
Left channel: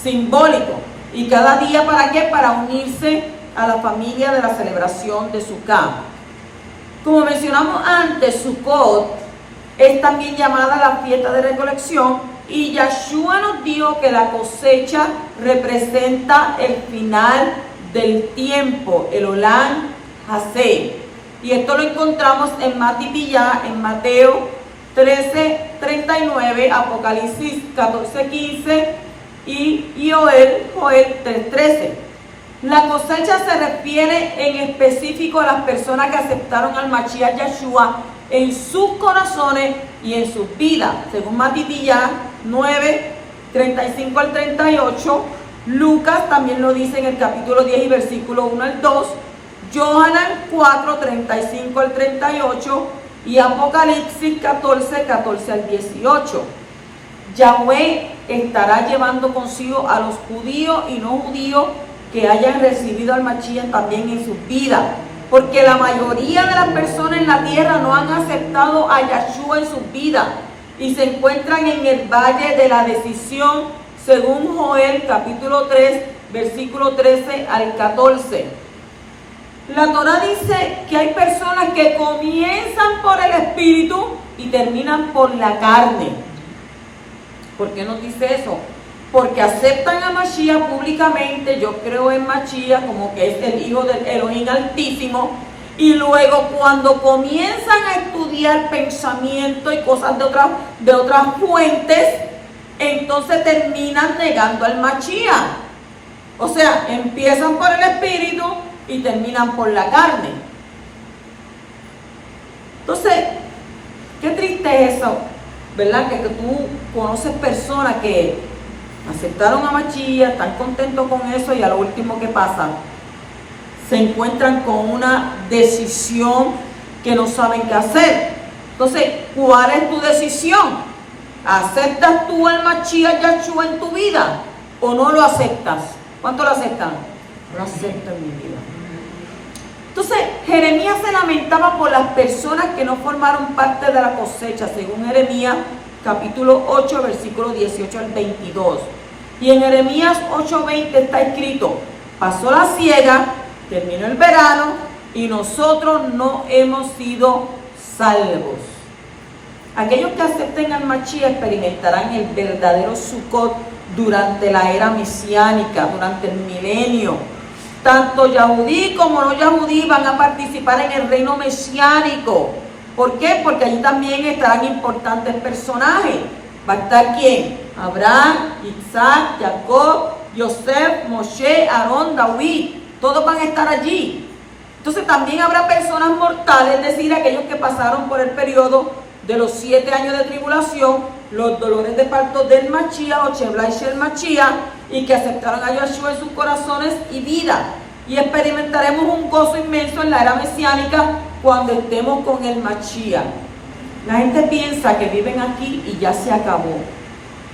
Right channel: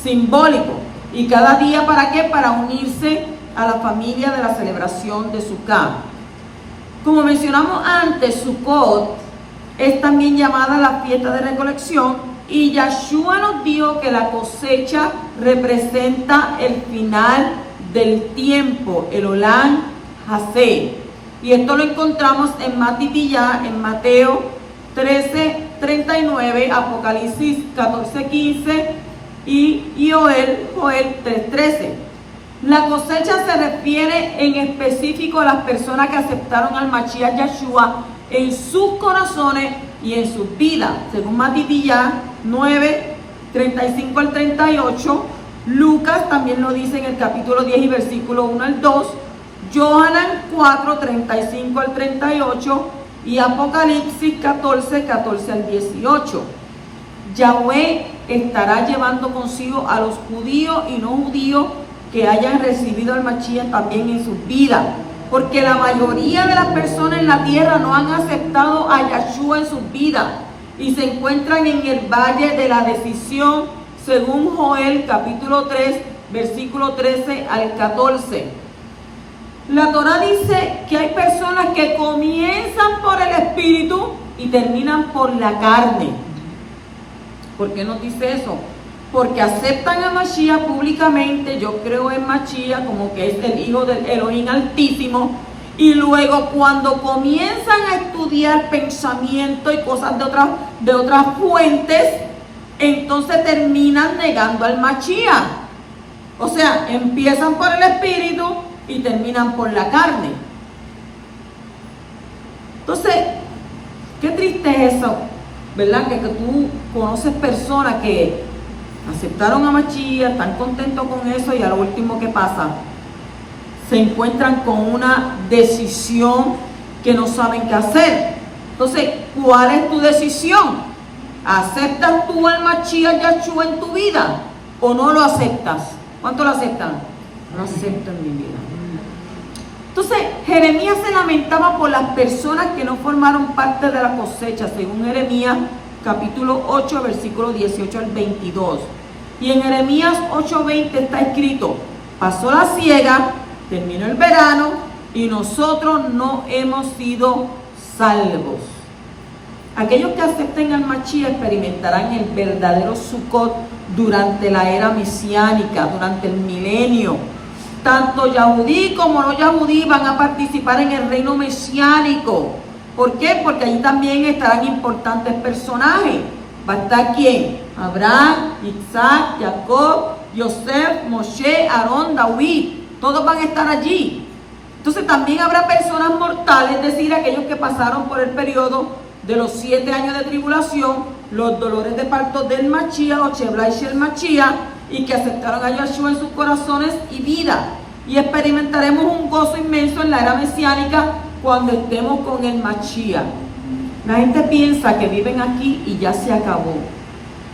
simbólico. ¿Y cada día para qué? Para unirse a la familia de la celebración de Sukkot. Como mencionamos antes, Sukkot es también llamada la fiesta de recolección, y Yeshua nos dijo que la cosecha representa el final del tiempo, el Olam Hazeh. Y esto lo encontramos en Matipillá, en Mateo 13:39, Apocalipsis 14:15 y Joel 3:13. La cosecha se refiere en específico a las personas que aceptaron al Mashiach Yeshua en sus corazones y en sus vidas, según Matipillá 9:35 al 38. Lucas también lo dice en el capítulo 10 y versículo 1 al 2. Johanan 4, 35 al 38 y Apocalipsis 14, 14 al 18. Yahweh estará llevando consigo a los judíos y no judíos que hayan recibido al Mashiach también en sus vidas, porque la mayoría de las personas en la tierra no han aceptado a Yahshua en sus vidas y se encuentran en el valle de la decisión, según Joel capítulo 3, versículo 13 al 14. La Torah dice que hay personas que comienzan por el Espíritu y terminan por la carne. ¿Por qué nos dice eso? Porque aceptan a Mashiach públicamente, yo creo en Mashiach como que es el Hijo del Elohim Altísimo, y luego cuando comienzan a estudiar pensamiento y cosas de otras fuentes, entonces terminan negando al Mashiach. O sea, empiezan por el Espíritu y terminan por la carne. Entonces, qué triste es eso, ¿verdad? Que tú conoces personas que aceptaron a Mashiach, están contentos con eso y a lo último que pasa, se encuentran con una decisión que no saben qué hacer. Entonces, ¿cuál es tu decisión? ¿Aceptas tú al Mashiach Yahshua en tu vida o no lo aceptas? ¿Cuánto lo aceptan? No acepto en mi vida. Entonces, Jeremías se lamentaba por las personas que no formaron parte de la cosecha, según Jeremías capítulo 8, versículo 18 al 22. Y en Jeremías 8:20 está escrito: pasó la siega, terminó el verano y nosotros no hemos sido salvos. Aquellos que acepten al Mashiach experimentarán el verdadero Sukkot durante la era mesiánica, durante el milenio. Tanto Yahudí como no Yahudí van a participar en el reino mesiánico. ¿Por qué? Porque allí también estarán importantes personajes. ¿Va a estar quién? Abraham, Isaac, Jacob, Yosef, Moshe, Aarón, David. Todos van a estar allí. Entonces también habrá personas mortales, es decir, aquellos que pasaron por el periodo de los 7 años de tribulación, los dolores de parto del Mashiach o Sheblai Shel Mashiach, y que aceptaron a Yahshua en sus corazones y vida. Y experimentaremos un gozo inmenso en la era mesiánica cuando estemos con el Mashiach. La gente piensa que viven aquí y ya se acabó.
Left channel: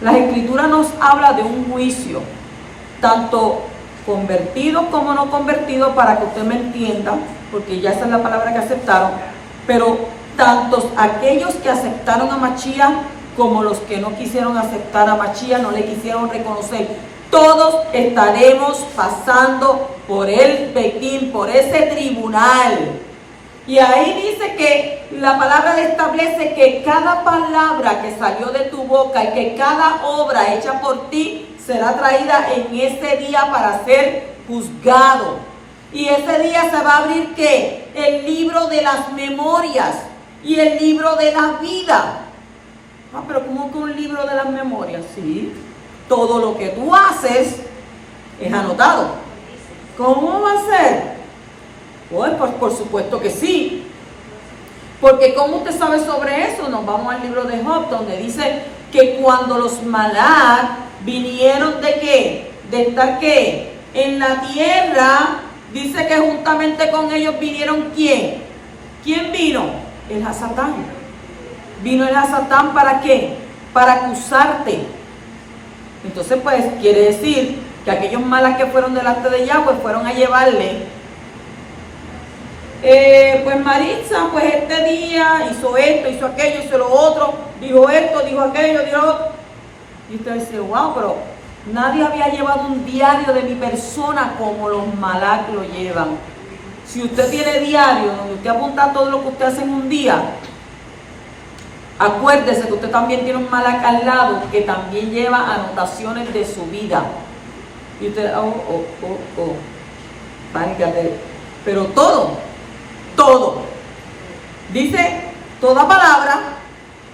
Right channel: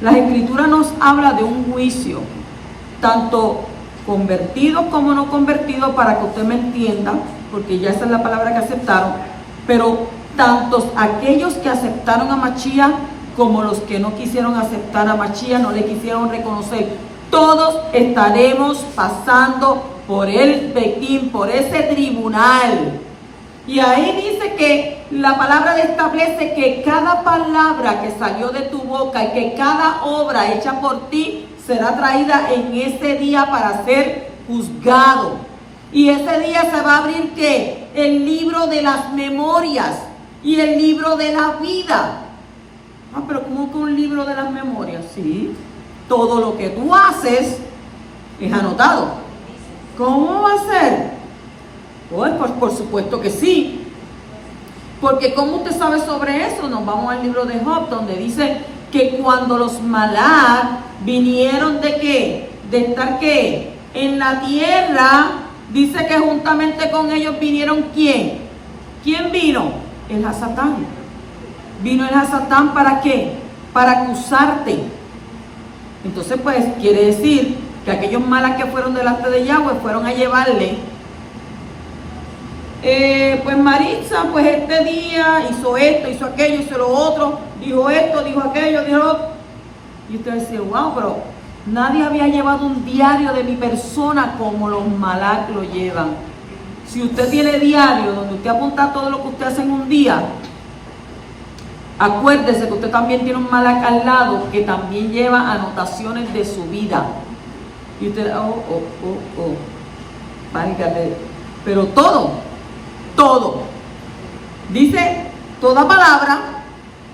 La Escritura nos habla de un juicio, tanto convertidos como no convertidos, para que usted me entienda, porque ya esa es la palabra que aceptaron, pero tantos aquellos que aceptaron a Mashiach como los que no quisieron aceptar a Mashiach, no le quisieron reconocer. Todos estaremos pasando por el Pequín, por ese tribunal. Y ahí dice que la palabra establece que cada palabra que salió de tu boca y que cada obra hecha por ti será traída en ese día para ser juzgado. Y ese día se va a abrir ¿qué? El libro de las memorias y el libro de la vida. Ah, pero ¿cómo que un libro de las memorias? Sí, todo lo que tú haces es anotado. ¿Cómo va a ser? Pues por supuesto que sí. Porque ¿cómo usted sabe sobre eso? Nos vamos al libro de Job, donde dice que cuando los Malak vinieron ¿de qué? De estar ¿qué? En la tierra, dice que juntamente con ellos vinieron ¿quién? ¿Quién vino? El Hasatán. Vino el Hasatán ¿para qué? Para acusarte. Entonces pues quiere decir que aquellos Malak que fueron delante de Yahweh fueron a llevarle pues Maritza, pues este día hizo esto, hizo aquello, hizo lo otro, dijo esto, dijo aquello, dijo... Y usted dice, wow, pero nadie había llevado un diario de mi persona como los Malak lo llevan. Si usted tiene diario donde usted apunta todo lo que usted hace en un día, acuérdese que usted también tiene un Malak al lado que también lleva anotaciones de su vida. Y usted, válgate. Pero todo. Dice, toda palabra,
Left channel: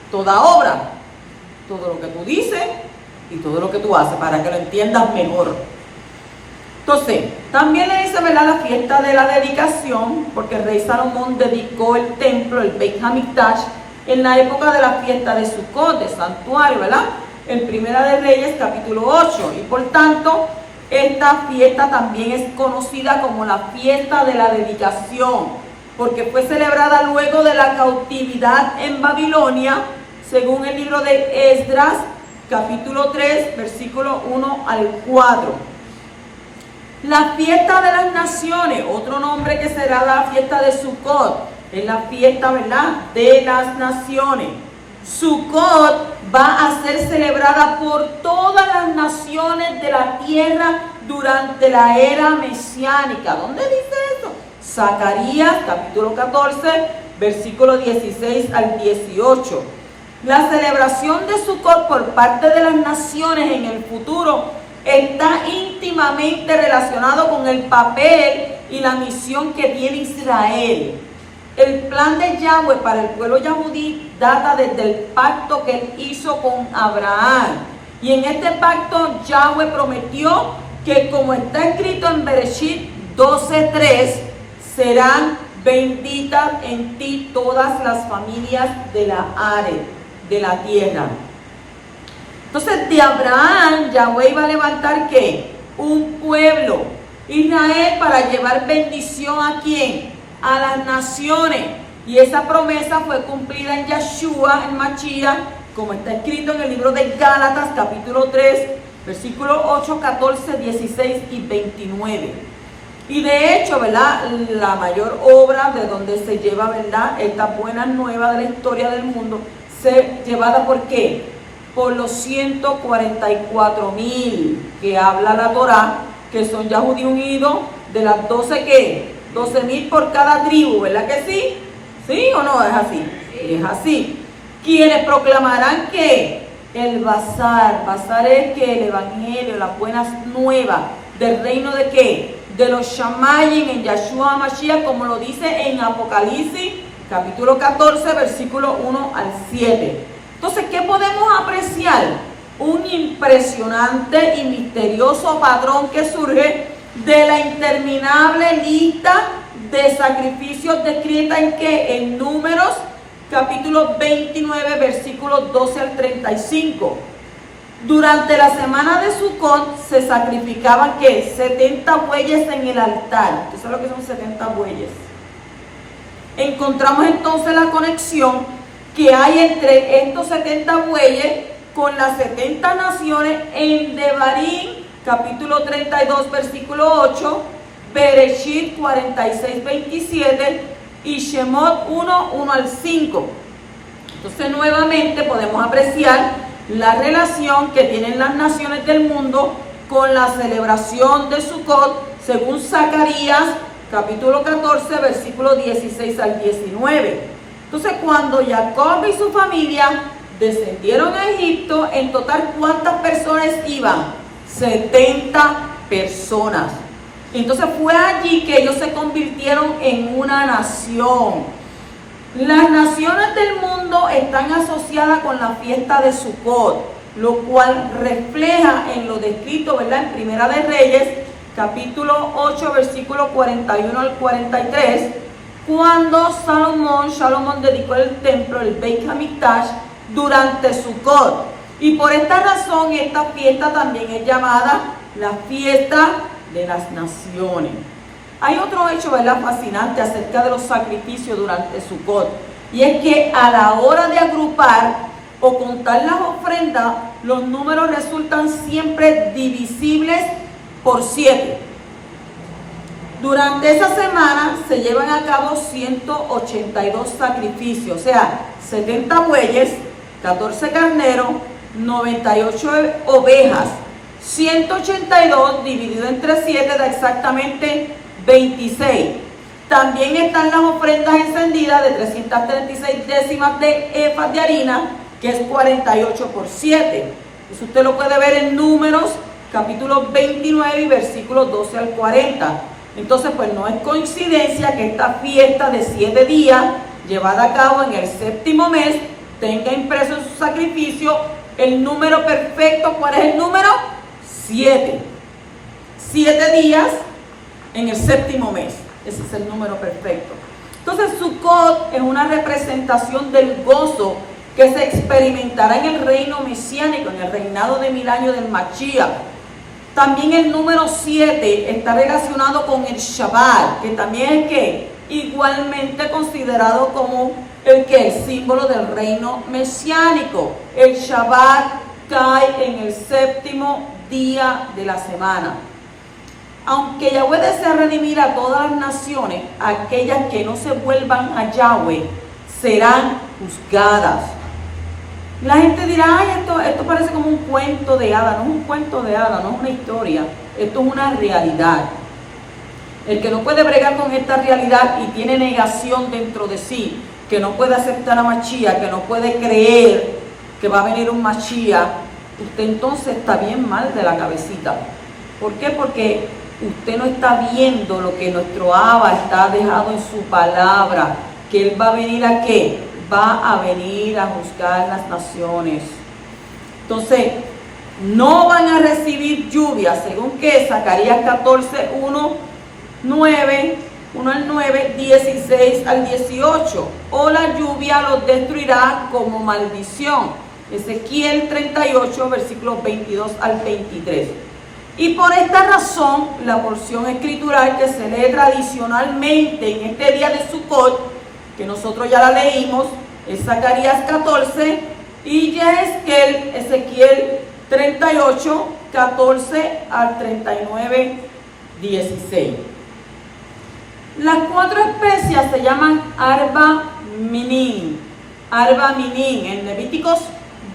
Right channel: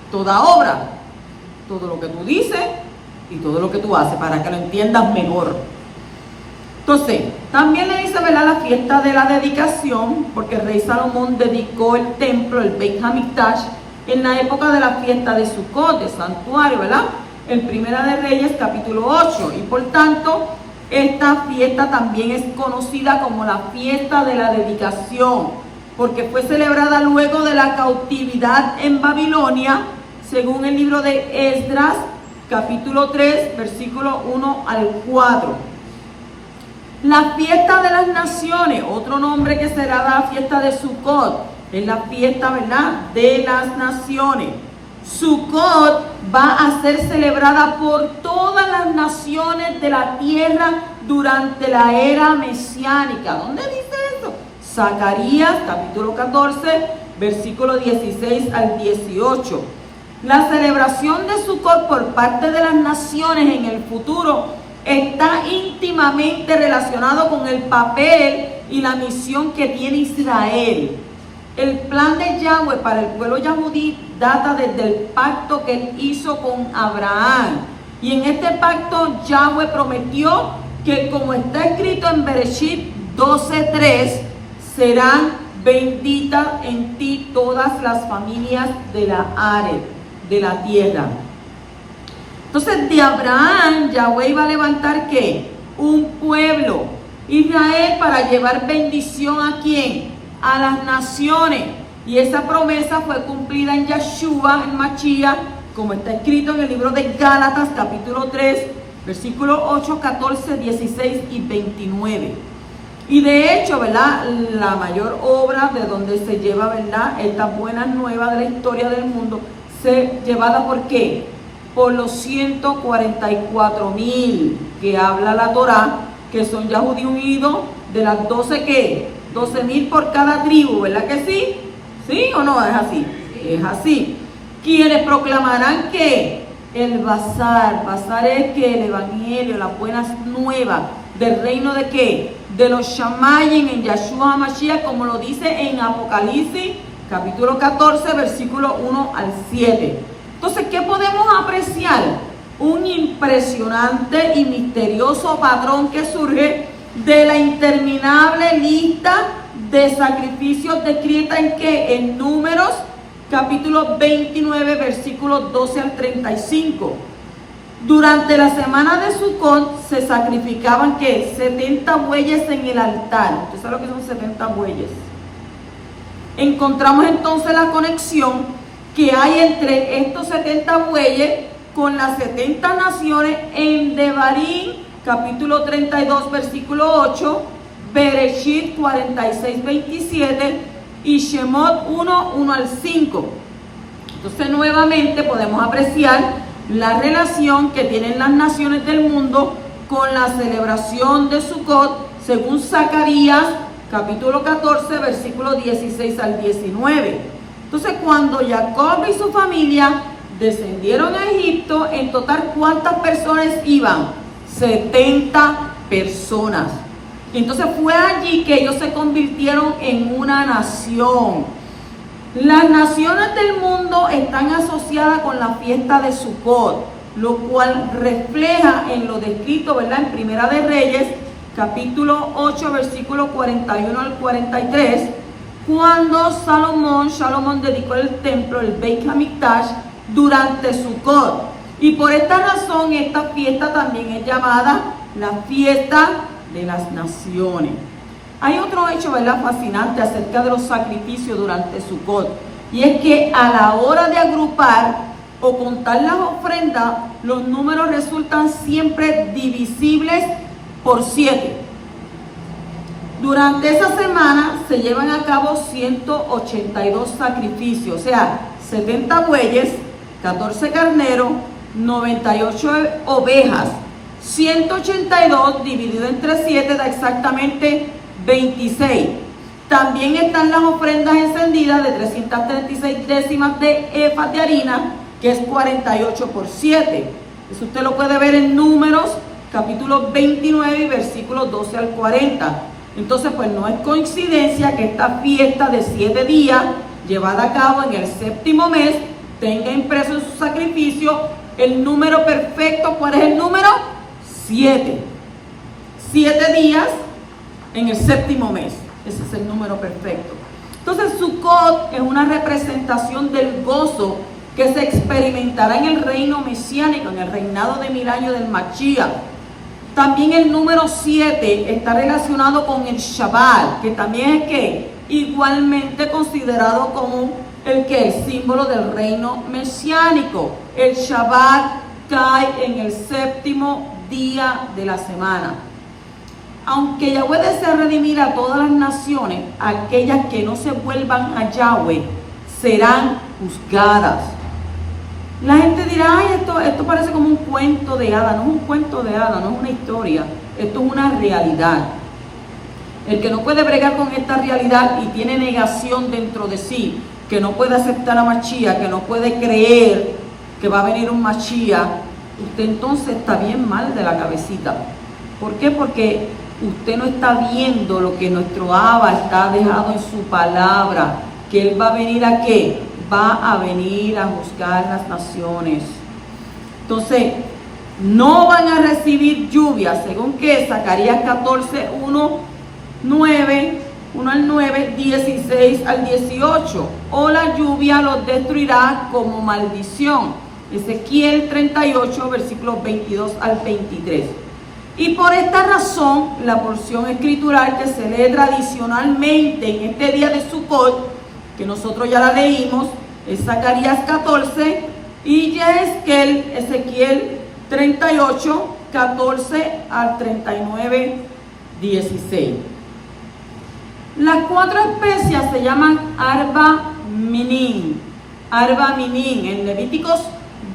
toda obra, todo lo que tú dices y todo lo que tú haces, para que lo entiendas mejor. Entonces, también le dice, ¿verdad?, la fiesta de la dedicación, porque el rey Salomón dedicó el templo, el Beit Hamikdash, en la época de la fiesta de Sukkot, de santuario, ¿verdad? En Primera de Reyes, capítulo 8. Y por tanto, Esta fiesta también es conocida como la fiesta de la dedicación, porque fue celebrada luego de la cautividad en Babilonia, según el libro de Esdras, capítulo 3, versículo 1 al 4. La fiesta de las naciones, otro nombre que será la fiesta de Sukkot, es la fiesta, ¿verdad?, de las naciones. Sukkot va a ser celebrada por todas las naciones de la tierra durante la era mesiánica. ¿Dónde dice eso? Zacarías, capítulo 14, versículo 16 al 18. La celebración de Sukkot por parte de las naciones en el futuro está íntimamente relacionado con el papel y la misión que tiene Israel. El plan de Yahweh para el pueblo yahudí data desde el pacto que él hizo con Abraham. Y en este pacto Yahweh prometió que, como está escrito en Bereshit 12:3, serán benditas en ti todas las familias de la Are, de la tierra. Entonces, de Abraham, Yahweh iba a levantar ¿qué? Un pueblo, Israel, para llevar bendición ¿a quién? A las naciones. Y esa promesa fue cumplida en Yeshua, en Mashiach, como está escrito en el libro de Gálatas, capítulo 3, versículos 8, 14, 16 y 29. Y de hecho, ¿verdad?, la mayor obra de donde se lleva, ¿verdad?, estas buenas nuevas de la historia del mundo, llevada ¿por qué? Por los 144,000 que habla la Torá, que son Yahudí unidos, de las 12 ¿qué? 12,000 por cada tribu, ¿verdad que sí? ¿Sí o no? Es así. Es así. Quienes proclamarán que el Bazar es que el Evangelio, las buenas nuevas del reino de qué? De los Shamayim en Yeshua HaMashiach, como lo dice en Apocalipsis, capítulo 14, versículo 1 al 7. Entonces, ¿qué podemos apreciar? Un impresionante y misterioso patrón que surge de la interminable lista de sacrificios descrita en ¿qué? En Números, capítulo 29, versículos 12 al 35. Durante la semana de Sukkot se sacrificaban ¿qué? 70 bueyes en el altar. ¿Usted sabe lo que son 70 bueyes? Encontramos entonces la conexión que hay entre estos 70 bueyes con las 70 naciones en Devarim, capítulo 32, versículo 8, Bereshit 46, 27 y Shemot 1, 1 al 5. Entonces nuevamente podemos apreciar la relación que tienen las naciones del mundo con la celebración de Sukkot, según Zacarías, capítulo 14, versículo 16 al 19. Entonces, cuando Jacob y su familia descendieron a Egipto, en total, ¿cuántas personas iban? 70 personas. Entonces fue allí que ellos se convirtieron en una nación. Las naciones del mundo están asociadas con la fiesta de Sukkot, lo cual refleja en lo descrito, ¿verdad?, en Primera de Reyes, capítulo 8, versículo 41 al 43, cuando Salomón dedicó el templo, el Beit HaMikdash, durante Sukkot. Y por esta razón, esta fiesta también es llamada la fiesta de las naciones. Hay otro hecho, ¿verdad?, fascinante acerca de los sacrificios durante Sukkot, y es que a la hora de agrupar o contar las ofrendas, los números resultan siempre divisibles por 7. Durante esa semana se llevan a cabo 182 sacrificios, o sea, 70 bueyes, 14 carneros, 98 ovejas. 182 dividido entre 7 da exactamente 26. También están las ofrendas encendidas de 336 décimas de efas de harina, que es 48 por 7. Eso usted lo puede ver en Números, capítulo 29 y versículos 12 al 40. Entonces, pues no es coincidencia que esta fiesta de 7 días, llevada a cabo en el séptimo mes, tenga impreso en su sacrificio el número perfecto. ¿Cuál es el número? 7. 7 días en el séptimo mes. Ese es el número perfecto. Entonces, Sukkot es una representación del gozo que se experimentará en el reino mesiánico, en el reinado de 1000 años del Mashiach. También el número 7 está relacionado con el Shabbat, que también es que igualmente considerado como el símbolo del reino mesiánico. El Shabbat cae en el séptimo día de la semana. Aunque Yahweh desea redimir a todas las naciones, aquellas que no se vuelvan a Yahweh serán juzgadas. La gente dirá, ay, esto parece como un cuento de hadas. No es un cuento de hadas, no es una historia, esto es una realidad. El que no puede bregar con esta realidad y tiene negación dentro de sí, que no puede aceptar a Mashiach, que no puede creer que va a venir un Mashiach, usted entonces está bien mal de la cabecita. ¿Por qué? Porque usted no está viendo lo que nuestro Abba está dejado en su palabra, que Él va a venir ¿a qué? Va a venir a juzgar las naciones. Entonces, no van a recibir lluvia, según que Zacarías 14, 1 al 9, 16 al 18. O la lluvia los destruirá como maldición. Ezequiel 38, versículos 22 al 23. Y por esta razón, la porción escritural que se lee tradicionalmente en este día de Sukkot, que nosotros ya la leímos, es Zacarías 14 y Ezequiel 38, 14 al 39, 16. Las 4 especias se llaman Arba Minin. Arba Minin. En Levíticos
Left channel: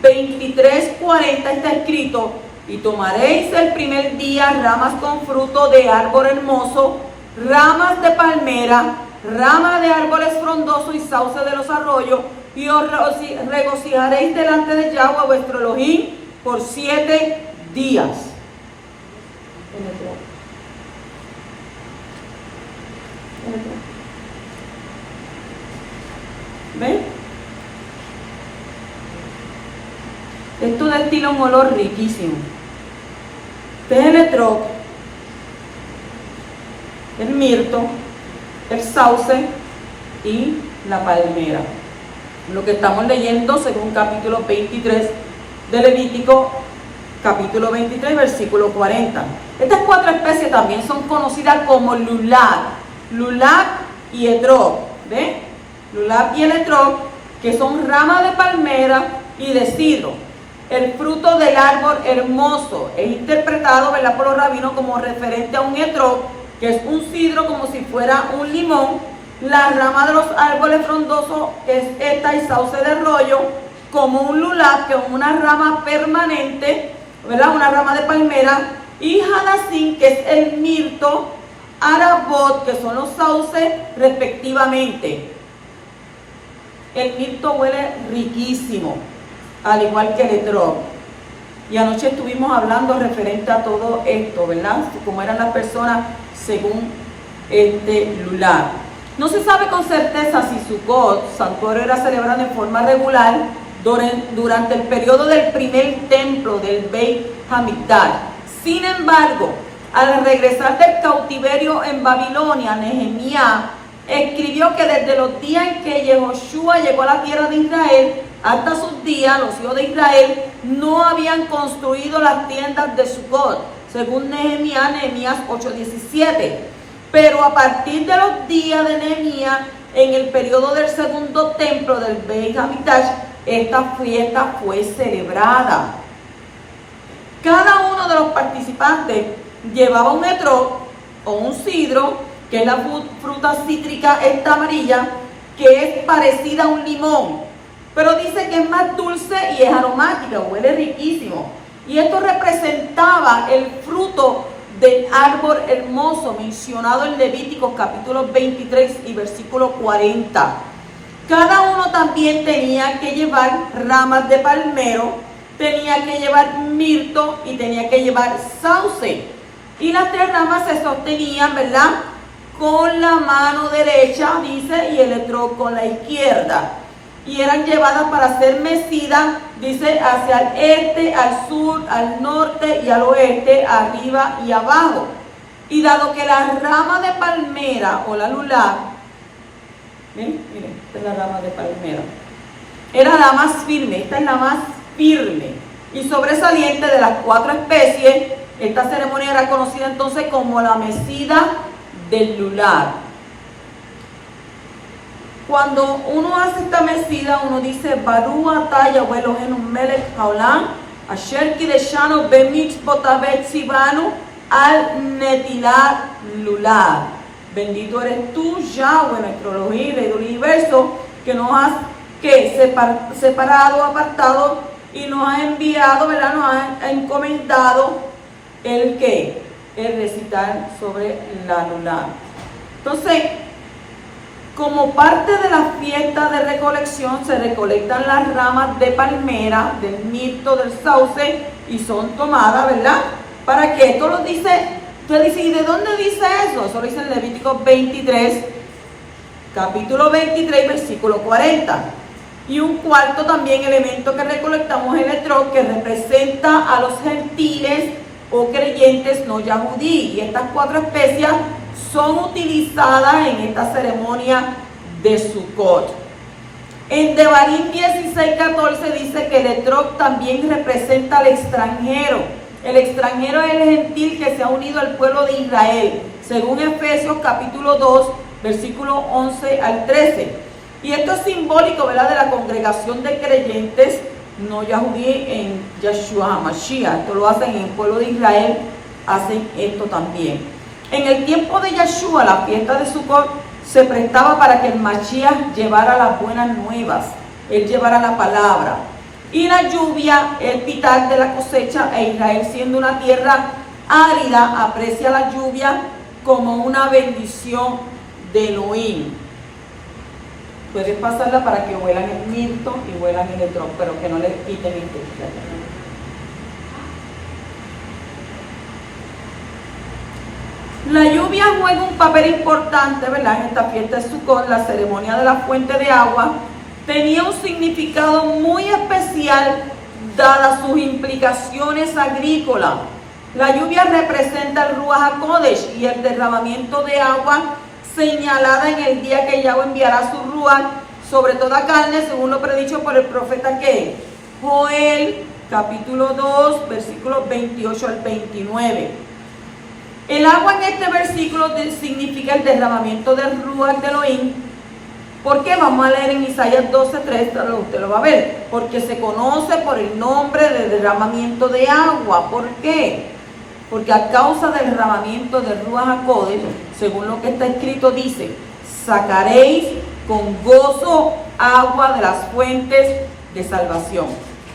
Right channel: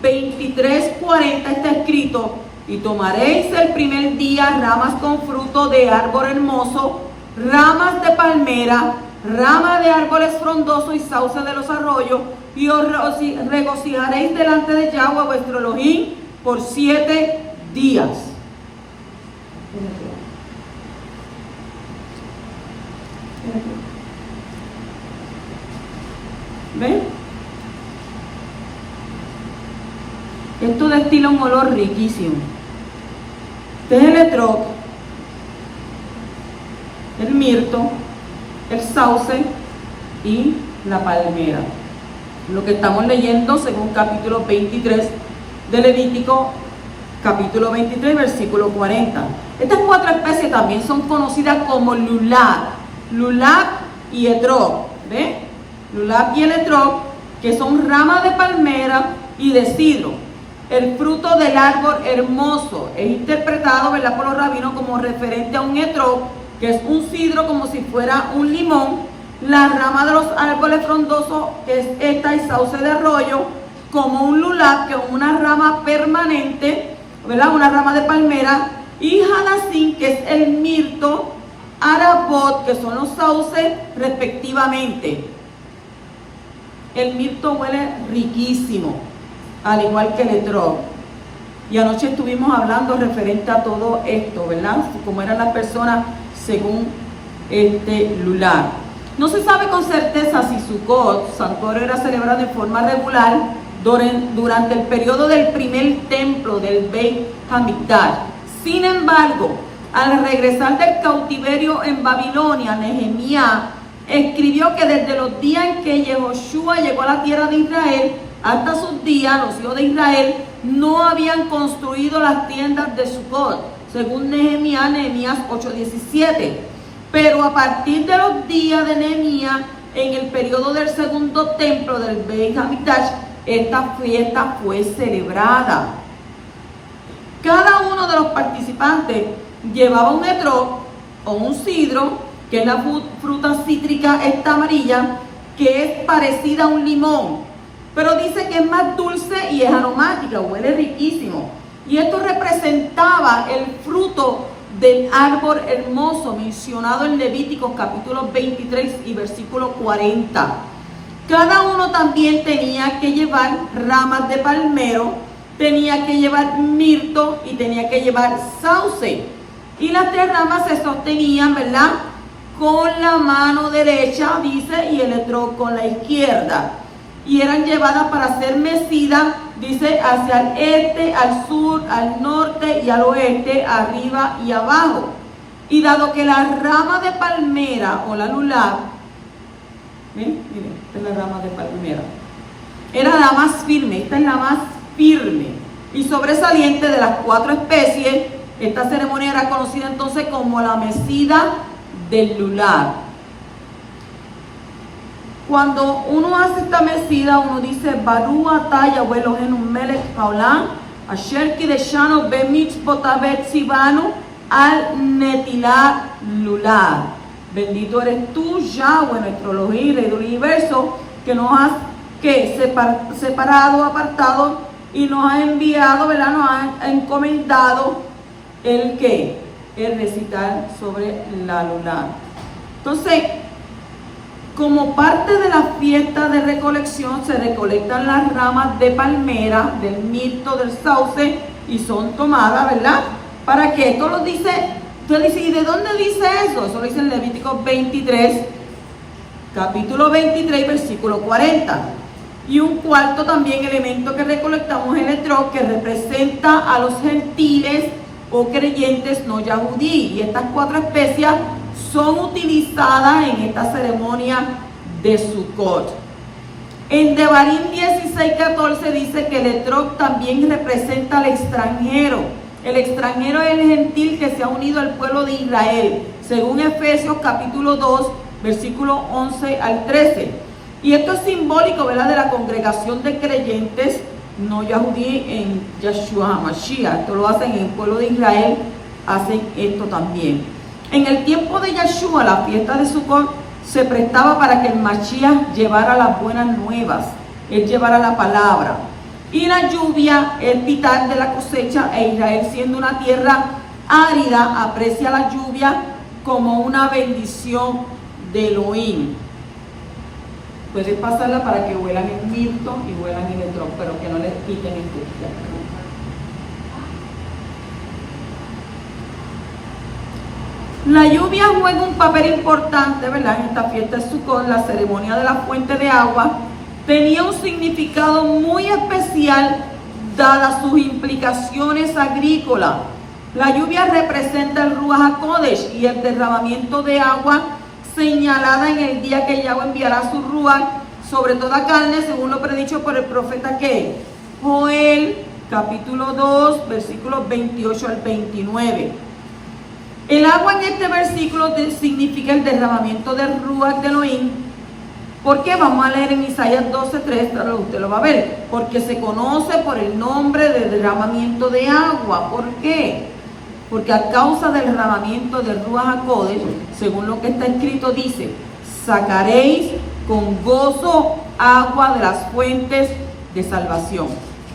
23, 40 está escrito: y tomaréis el primer día ramas con fruto de árbol hermoso, ramas de palmera, rama de árboles frondosos y sauce de los arroyos, y os regocijaréis delante de Yahweh vuestro Elohim por 7 días. ¿Ven? Esto destila un olor riquísimo. Este es el etrog, el mirto, el sauce y la palmera. Lo que estamos leyendo según capítulo 23 de Levítico, capítulo 23, versículo 40. Estas 4 especies también son conocidas como lulab y etrog. ¿Ven? Lulab y el etrog, que son ramas de palmera y de sidro. El fruto del árbol hermoso es interpretado, ¿verdad?, por los rabinos como referente a un etrog, que es un sidro como si fuera un limón. La rama de los árboles frondosos, que es esta, y sauce de arroyo, como un lulab, que es una rama permanente, ¿verdad?, una rama de palmera. Y hadasín, que es el mirto, arabot, que son los sauces respectivamente. El mirto huele riquísimo, al igual que el etrog. Y anoche estuvimos hablando referente a todo esto, ¿verdad? Cómo eran las personas según este lulab. No se sabe con certeza si Sukkot, santuario, era celebrado en forma regular durante el periodo del primer templo del Beit Hamikdash. Sin embargo, al regresar del cautiverio en Babilonia, Nehemías escribió que desde los días en que Yehoshua llegó a la tierra de Israel hasta sus días, los hijos de Israel no habían construido las tiendas de Sukkot, según Nehemías 8:17. Pero a partir de los días de Nehemías, en el periodo del segundo templo del Beit Hamikdash, esta fiesta fue celebrada. Cada uno de los participantes llevaba un etrog o un sidro, que es la fruta cítrica esta amarilla, que es parecida a un limón, pero dice que es más dulce y es aromática, huele riquísimo. Y esto representaba el fruto del árbol hermoso mencionado en Levíticos capítulo 23 y versículo 40. Cada uno también tenía que llevar ramas de palmero, tenía que llevar mirto y tenía que llevar sauce. Y las 3 ramas se sostenían, ¿verdad?, con la mano derecha, dice, y el etrog con la izquierda. Y eran llevadas para ser mecidas, dice, hacia el este, al sur, al norte y al oeste, arriba y abajo. Y dado que la rama de palmera o la lulab, miren, esta es la rama de palmera, era la más firme, esta es la más firme y sobresaliente de las 4 especies, Esta ceremonia era conocida entonces como la mecida del lular. Cuando uno hace esta mecida, uno dice Baruch atah Yahweh Eloheinu melech haolam asher kideshanu bemitzvotav tzivanu al netilat lular. Bendito eres tú, Yahweh, nuestro Elohim, Rey del universo, que nos has separado, apartado y nos ha enviado, ¿verdad? Nos ha encomendado el recitar sobre la lular. Entonces, como parte de la fiesta de recolección, se recolectan las ramas de palmera, del mirto, del sauce, y son tomadas, ¿verdad? ¿Para qué? Esto lo dice, usted dice, ¿y de dónde dice eso? Eso lo dice en Levítico 23, capítulo 23, versículo 40. Y un cuarto también elemento que recolectamos es el etrog, que representa a los gentiles o creyentes no yahudí. Y estas 4 especias son utilizadas en esta ceremonia de Sukkot. En Devarim 16:14 dice que el etrog también representa al extranjero. El extranjero es el gentil que se ha unido al pueblo de Israel, según Efesios capítulo 2, versículo 11 al 13. Y esto es simbólico, ¿verdad?, de la congregación de creyentes no yahudí en Yeshua HaMashiach. Esto lo hacen en el pueblo de Israel, hacen esto también. En el tiempo de Yeshua, la fiesta de Sukkot se prestaba para que el Mashiach llevara las buenas nuevas, él llevara la palabra. Y la lluvia, el pitar de la cosecha, e Israel siendo una tierra árida, aprecia la lluvia como una bendición de Elohim. Puedes pasarla para que huelan el mirto y huelan el etrog, pero que no les quiten el texto. La lluvia juega un papel importante, ¿verdad? En esta fiesta de Sukkot, la ceremonia de la fuente de agua tenía un significado muy especial dadas sus implicaciones agrícolas. La lluvia representa el Ruach HaKodesh y el derramamiento de agua señalada en el día que Yahweh enviará su Ruach sobre toda carne, según lo predicho por el profeta Joel, capítulo 2, versículos 28 al 29. El agua en este versículo significa el derramamiento del Ruach de Elohim. ¿Por qué? Vamos a leer en Isaías 12:3, usted lo va a ver. Porque se conoce por el nombre de derramamiento de agua. ¿Por qué? Porque a causa del derramamiento del Ruach HaKodesh, según lo que está escrito, dice: sacaréis con gozo agua de las fuentes de salvación.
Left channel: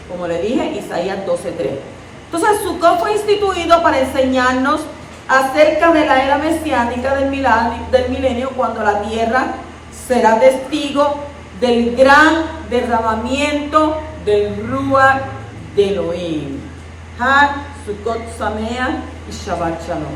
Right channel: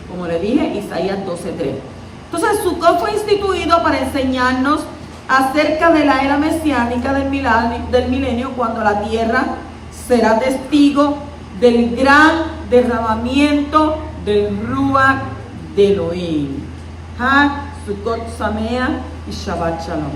Como le dije, Isaías 12:3. Entonces, Sukkot fue instituido para enseñarnos acerca de la era mesiánica del milenio, cuando la tierra será testigo del gran derramamiento del Ruach de Elohim. Sukkot Sameach y Shabbat Shalom.